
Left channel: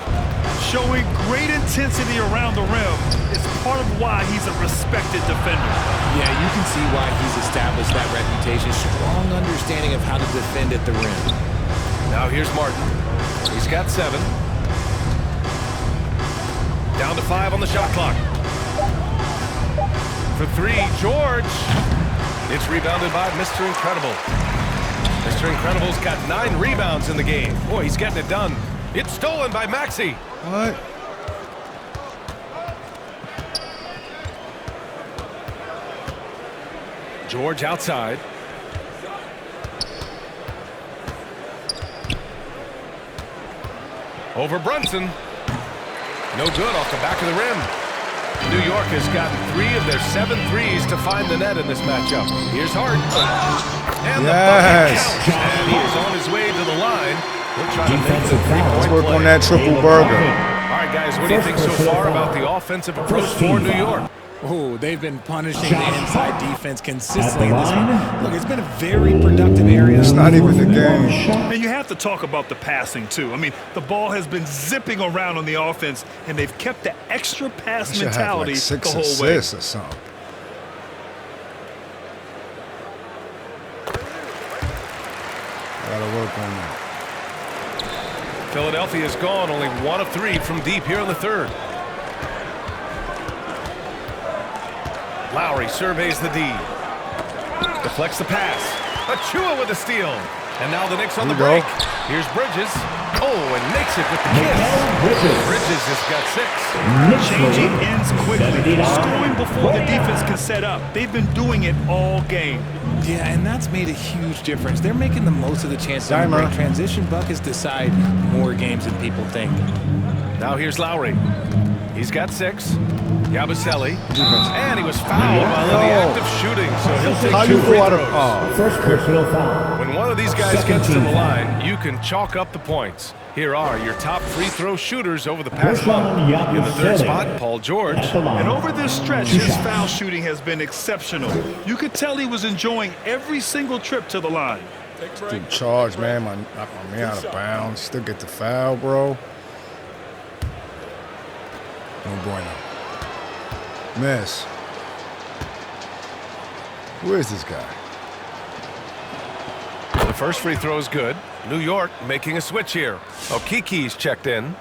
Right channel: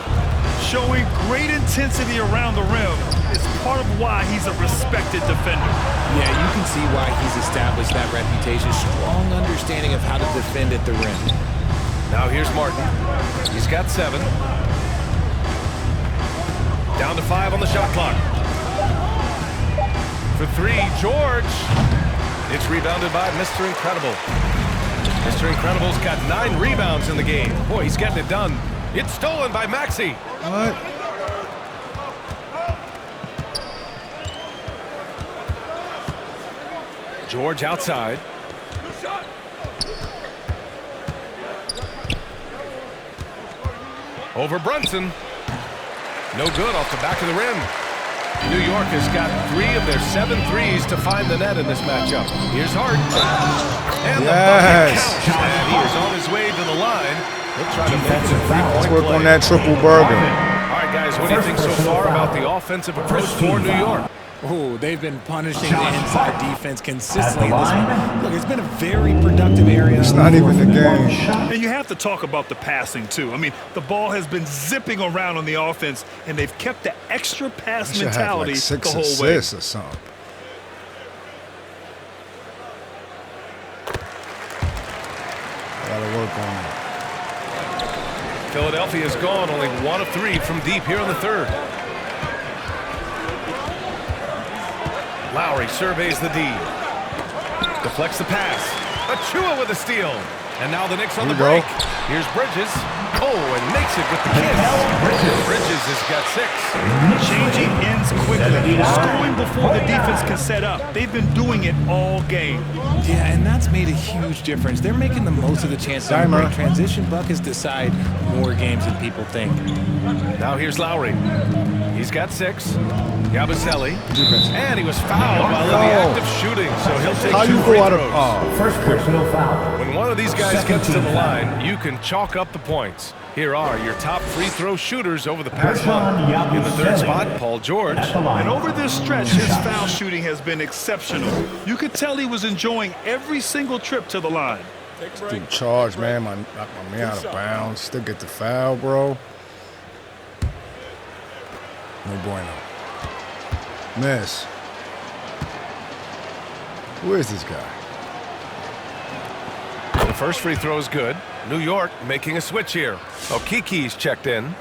Showing great intensity around the rim is part of why he's a respected defender. Yeah, you can see why he's established that reputation. Strong understanding of how to defend at the rim. Now here's Martin. He's got 7. Down to 5 on the shot clock. For 3, George. It's rebounded by Mr. Incredible. Mr. Incredible's got 9 rebounds in the game. Boy, he's getting it done. It's stolen by Maxey. What? George outside. Over Brunson. No good off the back of the rim. New York has gotten 3 of their 7 threes to find the net in this matchup. Here's Hart. And the bucket counts. And he is on his way to the line. He'll try to make it a 3-point play. Let's work on that triple burger. All right, guys, what do you think so far about the offensive approach for New York? Oh, they've been punishing the inside defense consistently in this one. Look, it's been a very productive area. It's not even the game. And you have to talk about the passing, too. I mean, the ball has been zipping around on the offense, and they've kept the extra pass mentality have like 6 the whole assists way. or something. I gotta work on that. Philadelphia's gone only 1 of 3 from deep here in the third. Lowry surveys the D. Deflects the pass. Achua with a steal. And now the Knicks on the break. Here's Bridges. Oh, and makes it with the kiss. Bridges has got 6. Changing ends quickly. Scoring before the defense can set up. They've been doing it all game. Yeah, and that's made a huge difference. They're making the most of the chances on the break. Transition buckets decide more games than people think. Now here's Lowry. He's got 6. Yabusele. And he was fouled while in the act of shooting, so he'll take 2 free throws. First personal foul. When one of these guys gets to the line, you can chalk up the points. Here are your top free throw shooters over the past month. In the third spot, Paul George. And over this stretch, his foul shooting has been exceptional. You could tell he was enjoying every single trip to the line. Dude, charge, man. Knock my man out of bounds. Still get the foul, bro. No bueno. Miss. Who is this guy? The first free throw is good. New York making a switch here. Okiki's checked in.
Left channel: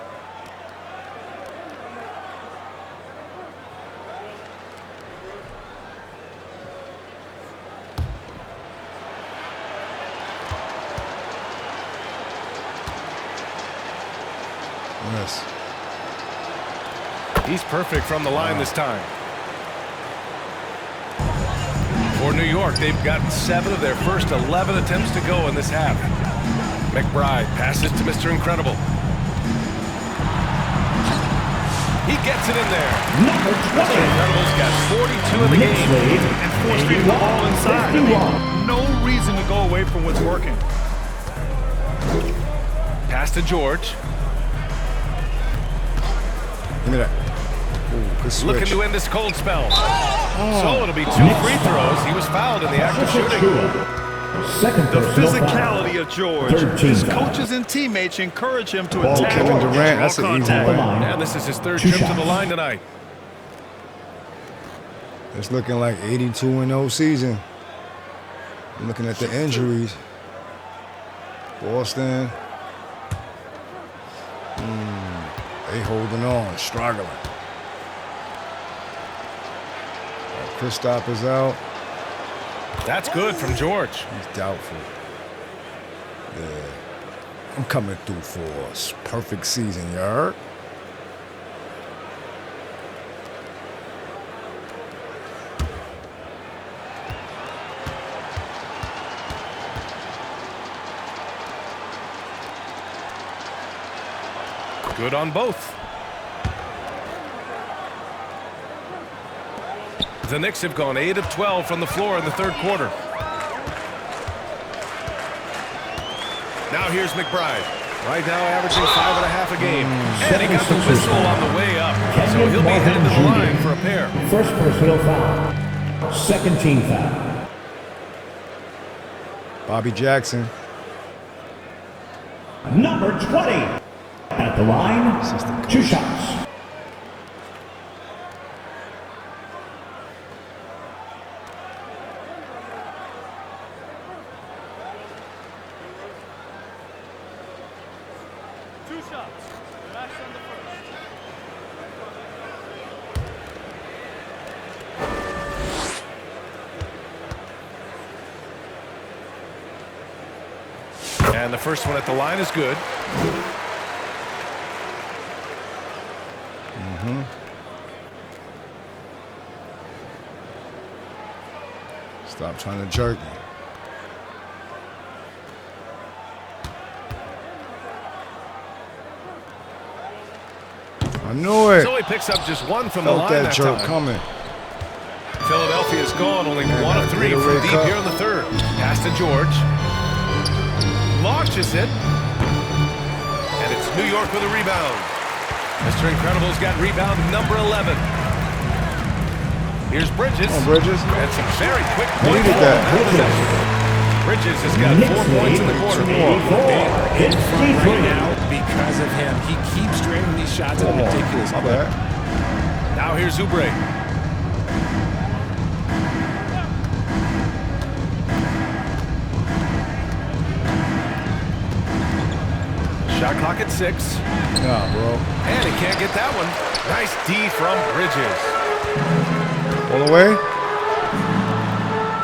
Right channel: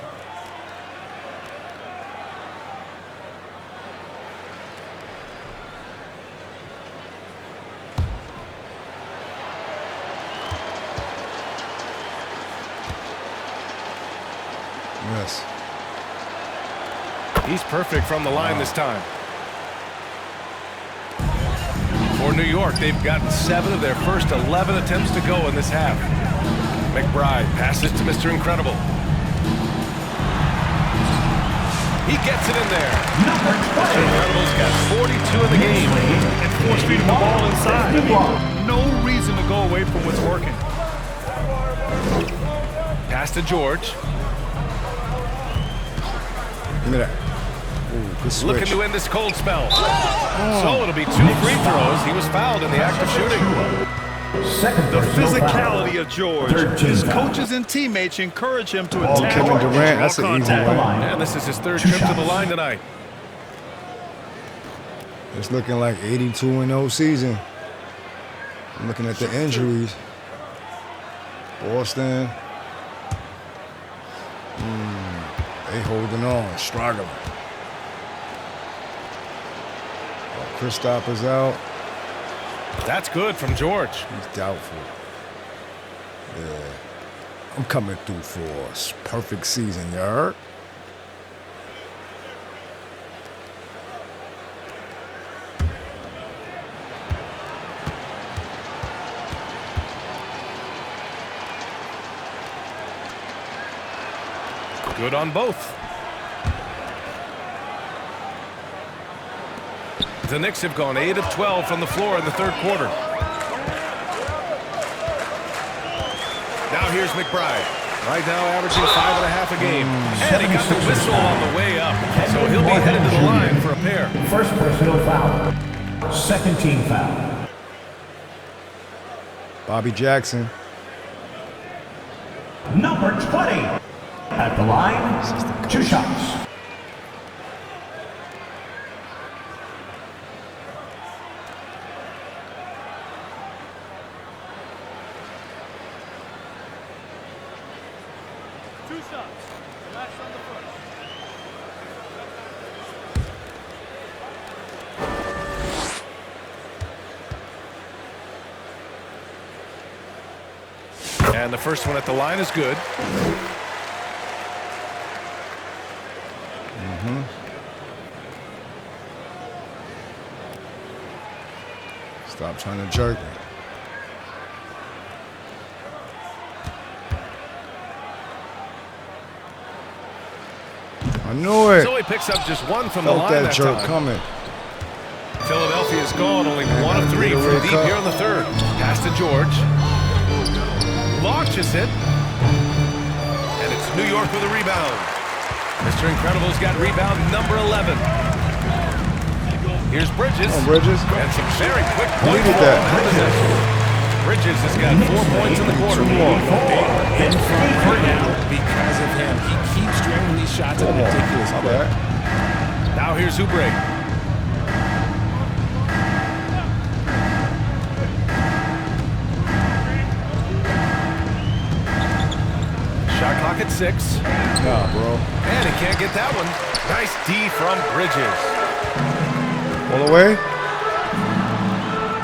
Miss. He's perfect from the line this time. For New York, they've gotten 7 of their first 11 attempts to go in this half. McBride passes to Mr. Incredible. He gets it in there. Mr. Incredible's got 42 in the game. And force feeding the ball inside. I mean, no reason to go away from what's working. Pass to George. Give me that. Ooh, good switch. Looking to end this cold spell. So it'll be 2 free throws. He was fouled in the act of shooting. The physicality of George. His coaches and teammates encourage him to attack. Kevin Durant, that's an easy one. And this is his 3rd trip to the line tonight. It's looking like 82-0 season. I'm looking at the injuries. Boston. They holding on, struggling. Kristaps is out. That's good from George. He's doubtful. Yeah. I'm coming through for a perfect season, you heard? Good on both. The Knicks have gone 8 of 12 from the floor in the 3rd quarter. Now here's McBride. Right now averaging 5.5 a game. And he got the whistle on the way up. So he'll be headed to the line for a pair. First personal foul. Second team foul. Bobby Jackson. Number 20. At the line, 2 shots. Relax on the first. And the first one at the line is good. Stop trying to jerk me. I knew it. So he picks up just one from the Felt line that that jerk time. coming. Philadelphia's gone, only Man, 1 of gotta 3 get a from red deep cup. here in the third. Pass to George. Launches it. And it's New York with a rebound. Mr. Incredible's got rebound number 11. Here's Bridges. Come on, Bridges. And some very quick points Needed for that. him that possession. Bridges has got 4 points in the quarter. They are in front right now because of him. He keeps draining these shots at a ridiculous My clip. bad. Now here's Oubre. Shot clock at 6. Nah, bro. And he can't get that one. Nice D from Bridges. All the way.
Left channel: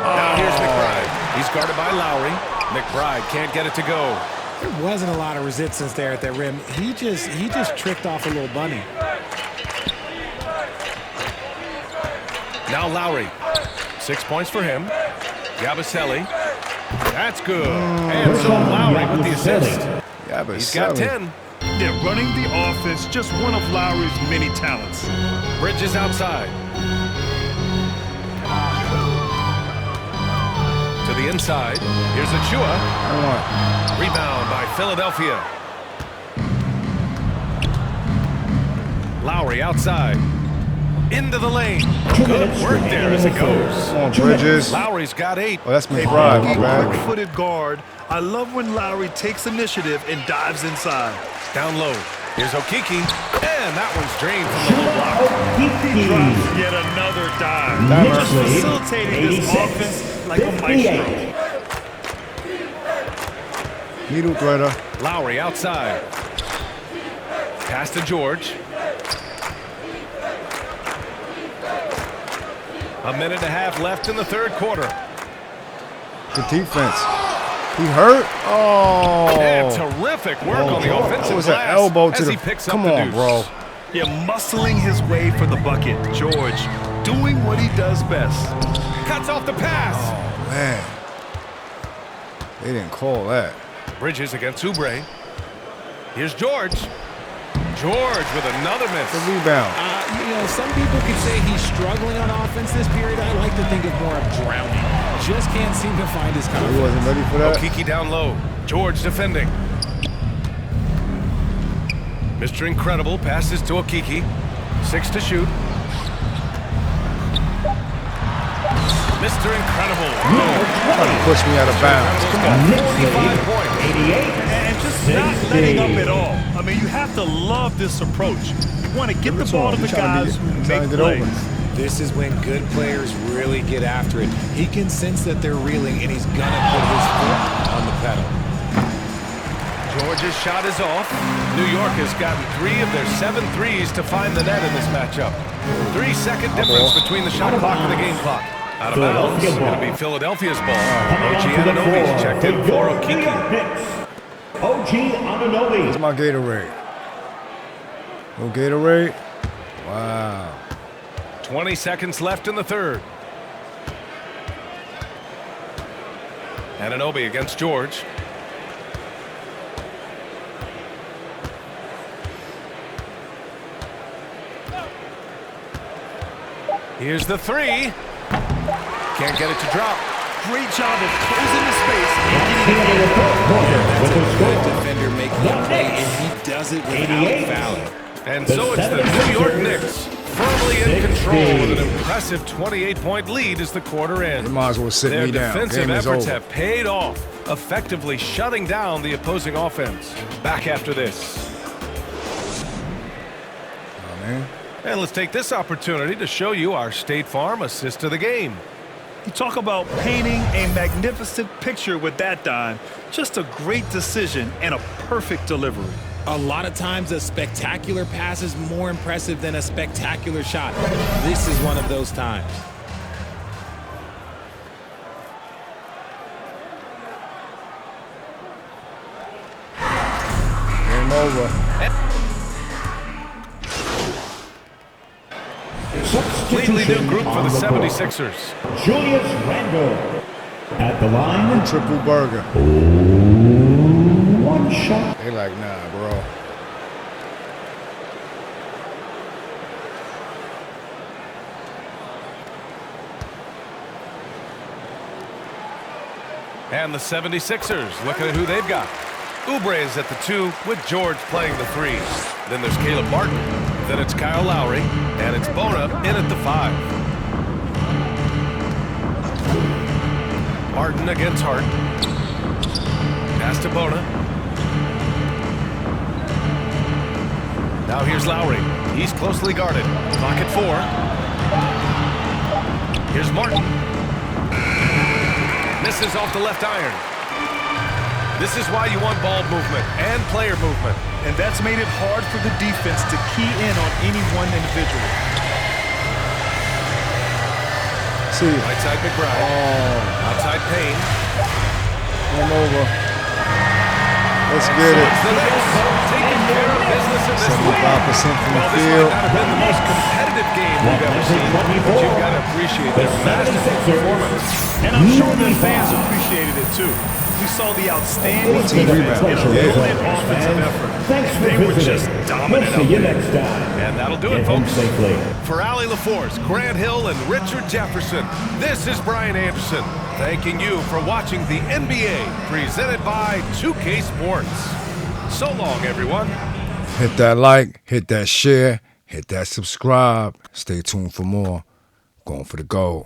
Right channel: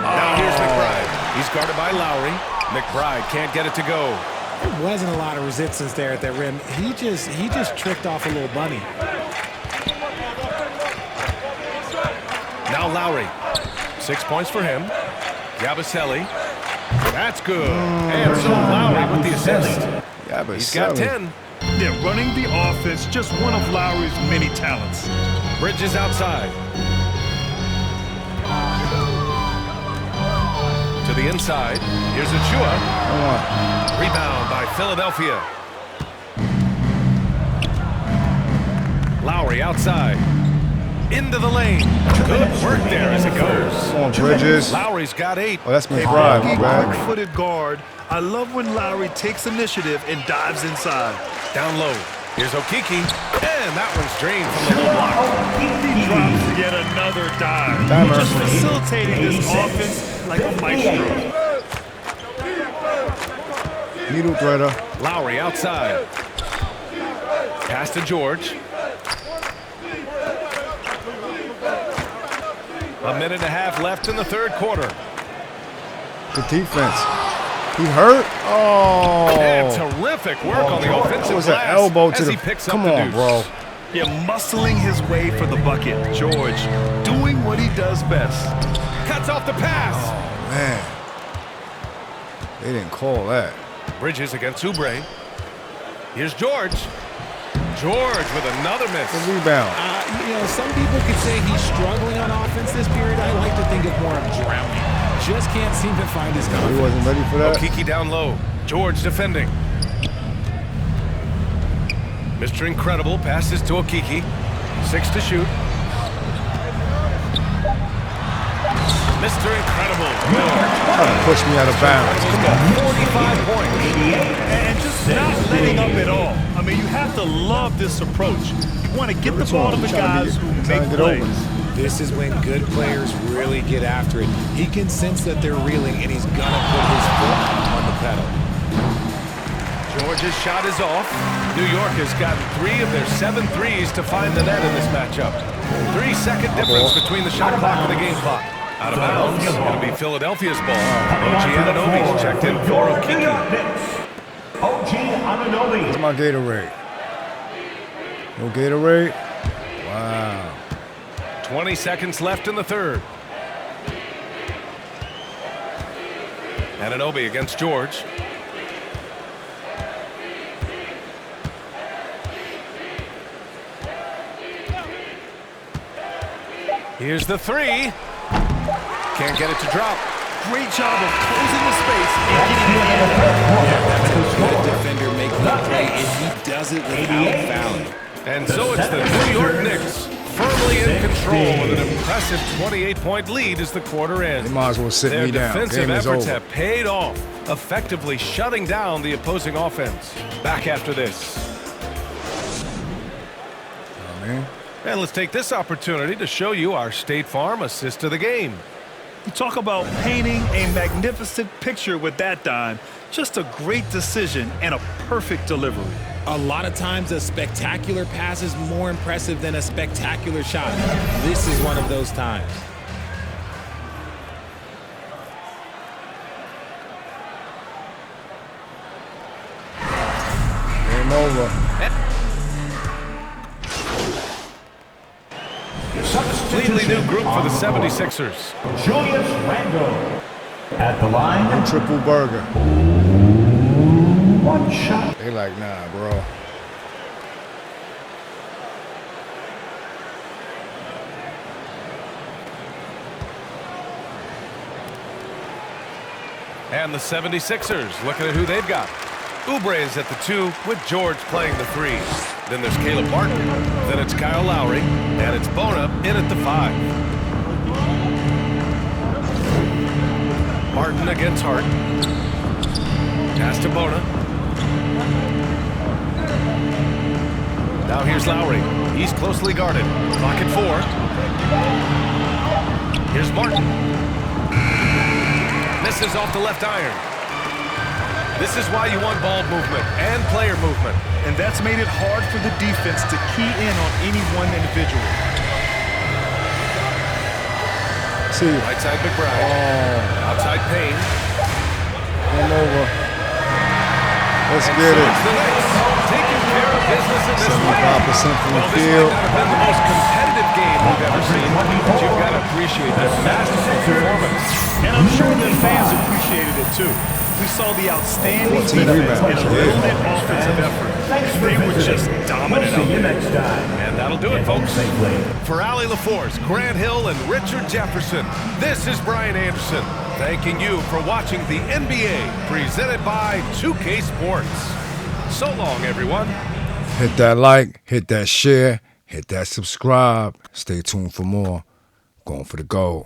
Now here's McBride. He's guarded by Lowry. McBride can't get it to go. There wasn't a lot of resistance there at that rim. He just tricked off a little bunny. Now Lowry. 6 points for him. Yabusele. That's good. And so Lowry with the assist. Yeah, but He's got 10. They're running the offense, just one of Lowry's many talents. Bridges outside. To the inside. Here's Achua. Come on. Rebound by Philadelphia. Lowry outside. Into the lane. Good work there as it goes. Come on, Bridges. Lowry's got 8. Oh, that's McBride. My bad. Quick-footed guard. I love when Lowry takes initiative and dives inside. Down low. Here's Okiki. And that one's drained from the low block. He drops yet another dive. Timer. Just facilitating this offense like a maestro. Needle threader. Lowry outside. Pass to George. A minute and a half left in the third quarter. Good defense. He hurt? Oh. And terrific work on the offensive That was an glass elbow to as the... he picks Come up the on, deuce. bro. Yeah, muscling his way for the bucket. George doing what he does best. Cuts off the pass. Oh, man. They didn't call that. Bridges against Oubre. Here's George. George with another miss. The rebound. Some people could say he's struggling on offense this period. I like to think of more of drowning. Just can't seem to find his confidence. He wasn't ready for that. Okiki down low. George defending. Mr. Incredible passes to Okiki. 6 to shoot. Mr. Incredible. Trying to push me out of bounds. Incredible's Come got on. 45 points. And just not letting up at all. I mean, you have to love this approach. You want to get the ball to the guys who make plays. This is when good players really get after it. He can sense that they're reeling, and he's gonna put his foot on the pedal. George's shot is off. New York has gotten 3 of their 7 threes to find the net in this matchup. 3-second difference between the shot clock and the game clock. Out of bounds. It'll be Philadelphia's ball. OG Anunoby's checked in for Okiki. OG Anunoby. Where's my Gatorade? No Gatorade? Wow. 20 seconds left in the third. Anunoby against George. Here's the 3. Can't get it to drop. Great job of closing the space and getting it in. Yeah, that's a good defender making a play, and he does it without fouling. And so it's the New York Knicks firmly in control with an impressive 28-point lead as the quarter ends. They might as well sit Their me down. defensive Game is efforts over. have paid off, effectively shutting down the opposing offense. Back after this. man. And let's take this opportunity to show you our State Farm assist of the game. You talk about painting a magnificent picture with that dime. Just a great decision and a perfect delivery. A lot of times a spectacular pass is more impressive than a spectacular shot. This is one of those times. Game over. Completely new group for the 76ers. Julius Randle at the line. Triple burger. One shot. They like, nah, bro. And the 76ers, looking at who they've got. Oubre is at the 2 with George playing the 3. Then there's Caleb Martin. Then it's Kyle Lowry. And it's Bona in at the 5. Martin against Hart. Pass to Bona. Now here's Lowry. He's closely guarded. Clock at 4. Here's Martin. Misses off the left iron. This is why you want ball movement and player movement. And that's made it hard for the defense to key in on any one individual. See. Right side McBride. Oh. Outside Payne. Game over. Let's And get so it. it's the Knicks taking care of business in this one. 75% from Well, the this field. might not have been the most competitive game we've ever seen, but you've got to appreciate their masterful performance. And I'm sure the fans appreciated it too. We saw the outstanding 14 defense rebounds. and a Yeah. brilliant offensive effort. Thanks for They were visiting. just dominant We'll out see you there. next time. And that'll do it, Get home folks. safely. For Ali LaForce, Grant Hill, and Richard Jefferson, this is Brian Anderson, thanking you for watching the NBA presented by 2K Sports. So long, everyone. Hit that like, hit that share, hit that subscribe. Stay tuned for more. Going for the gold.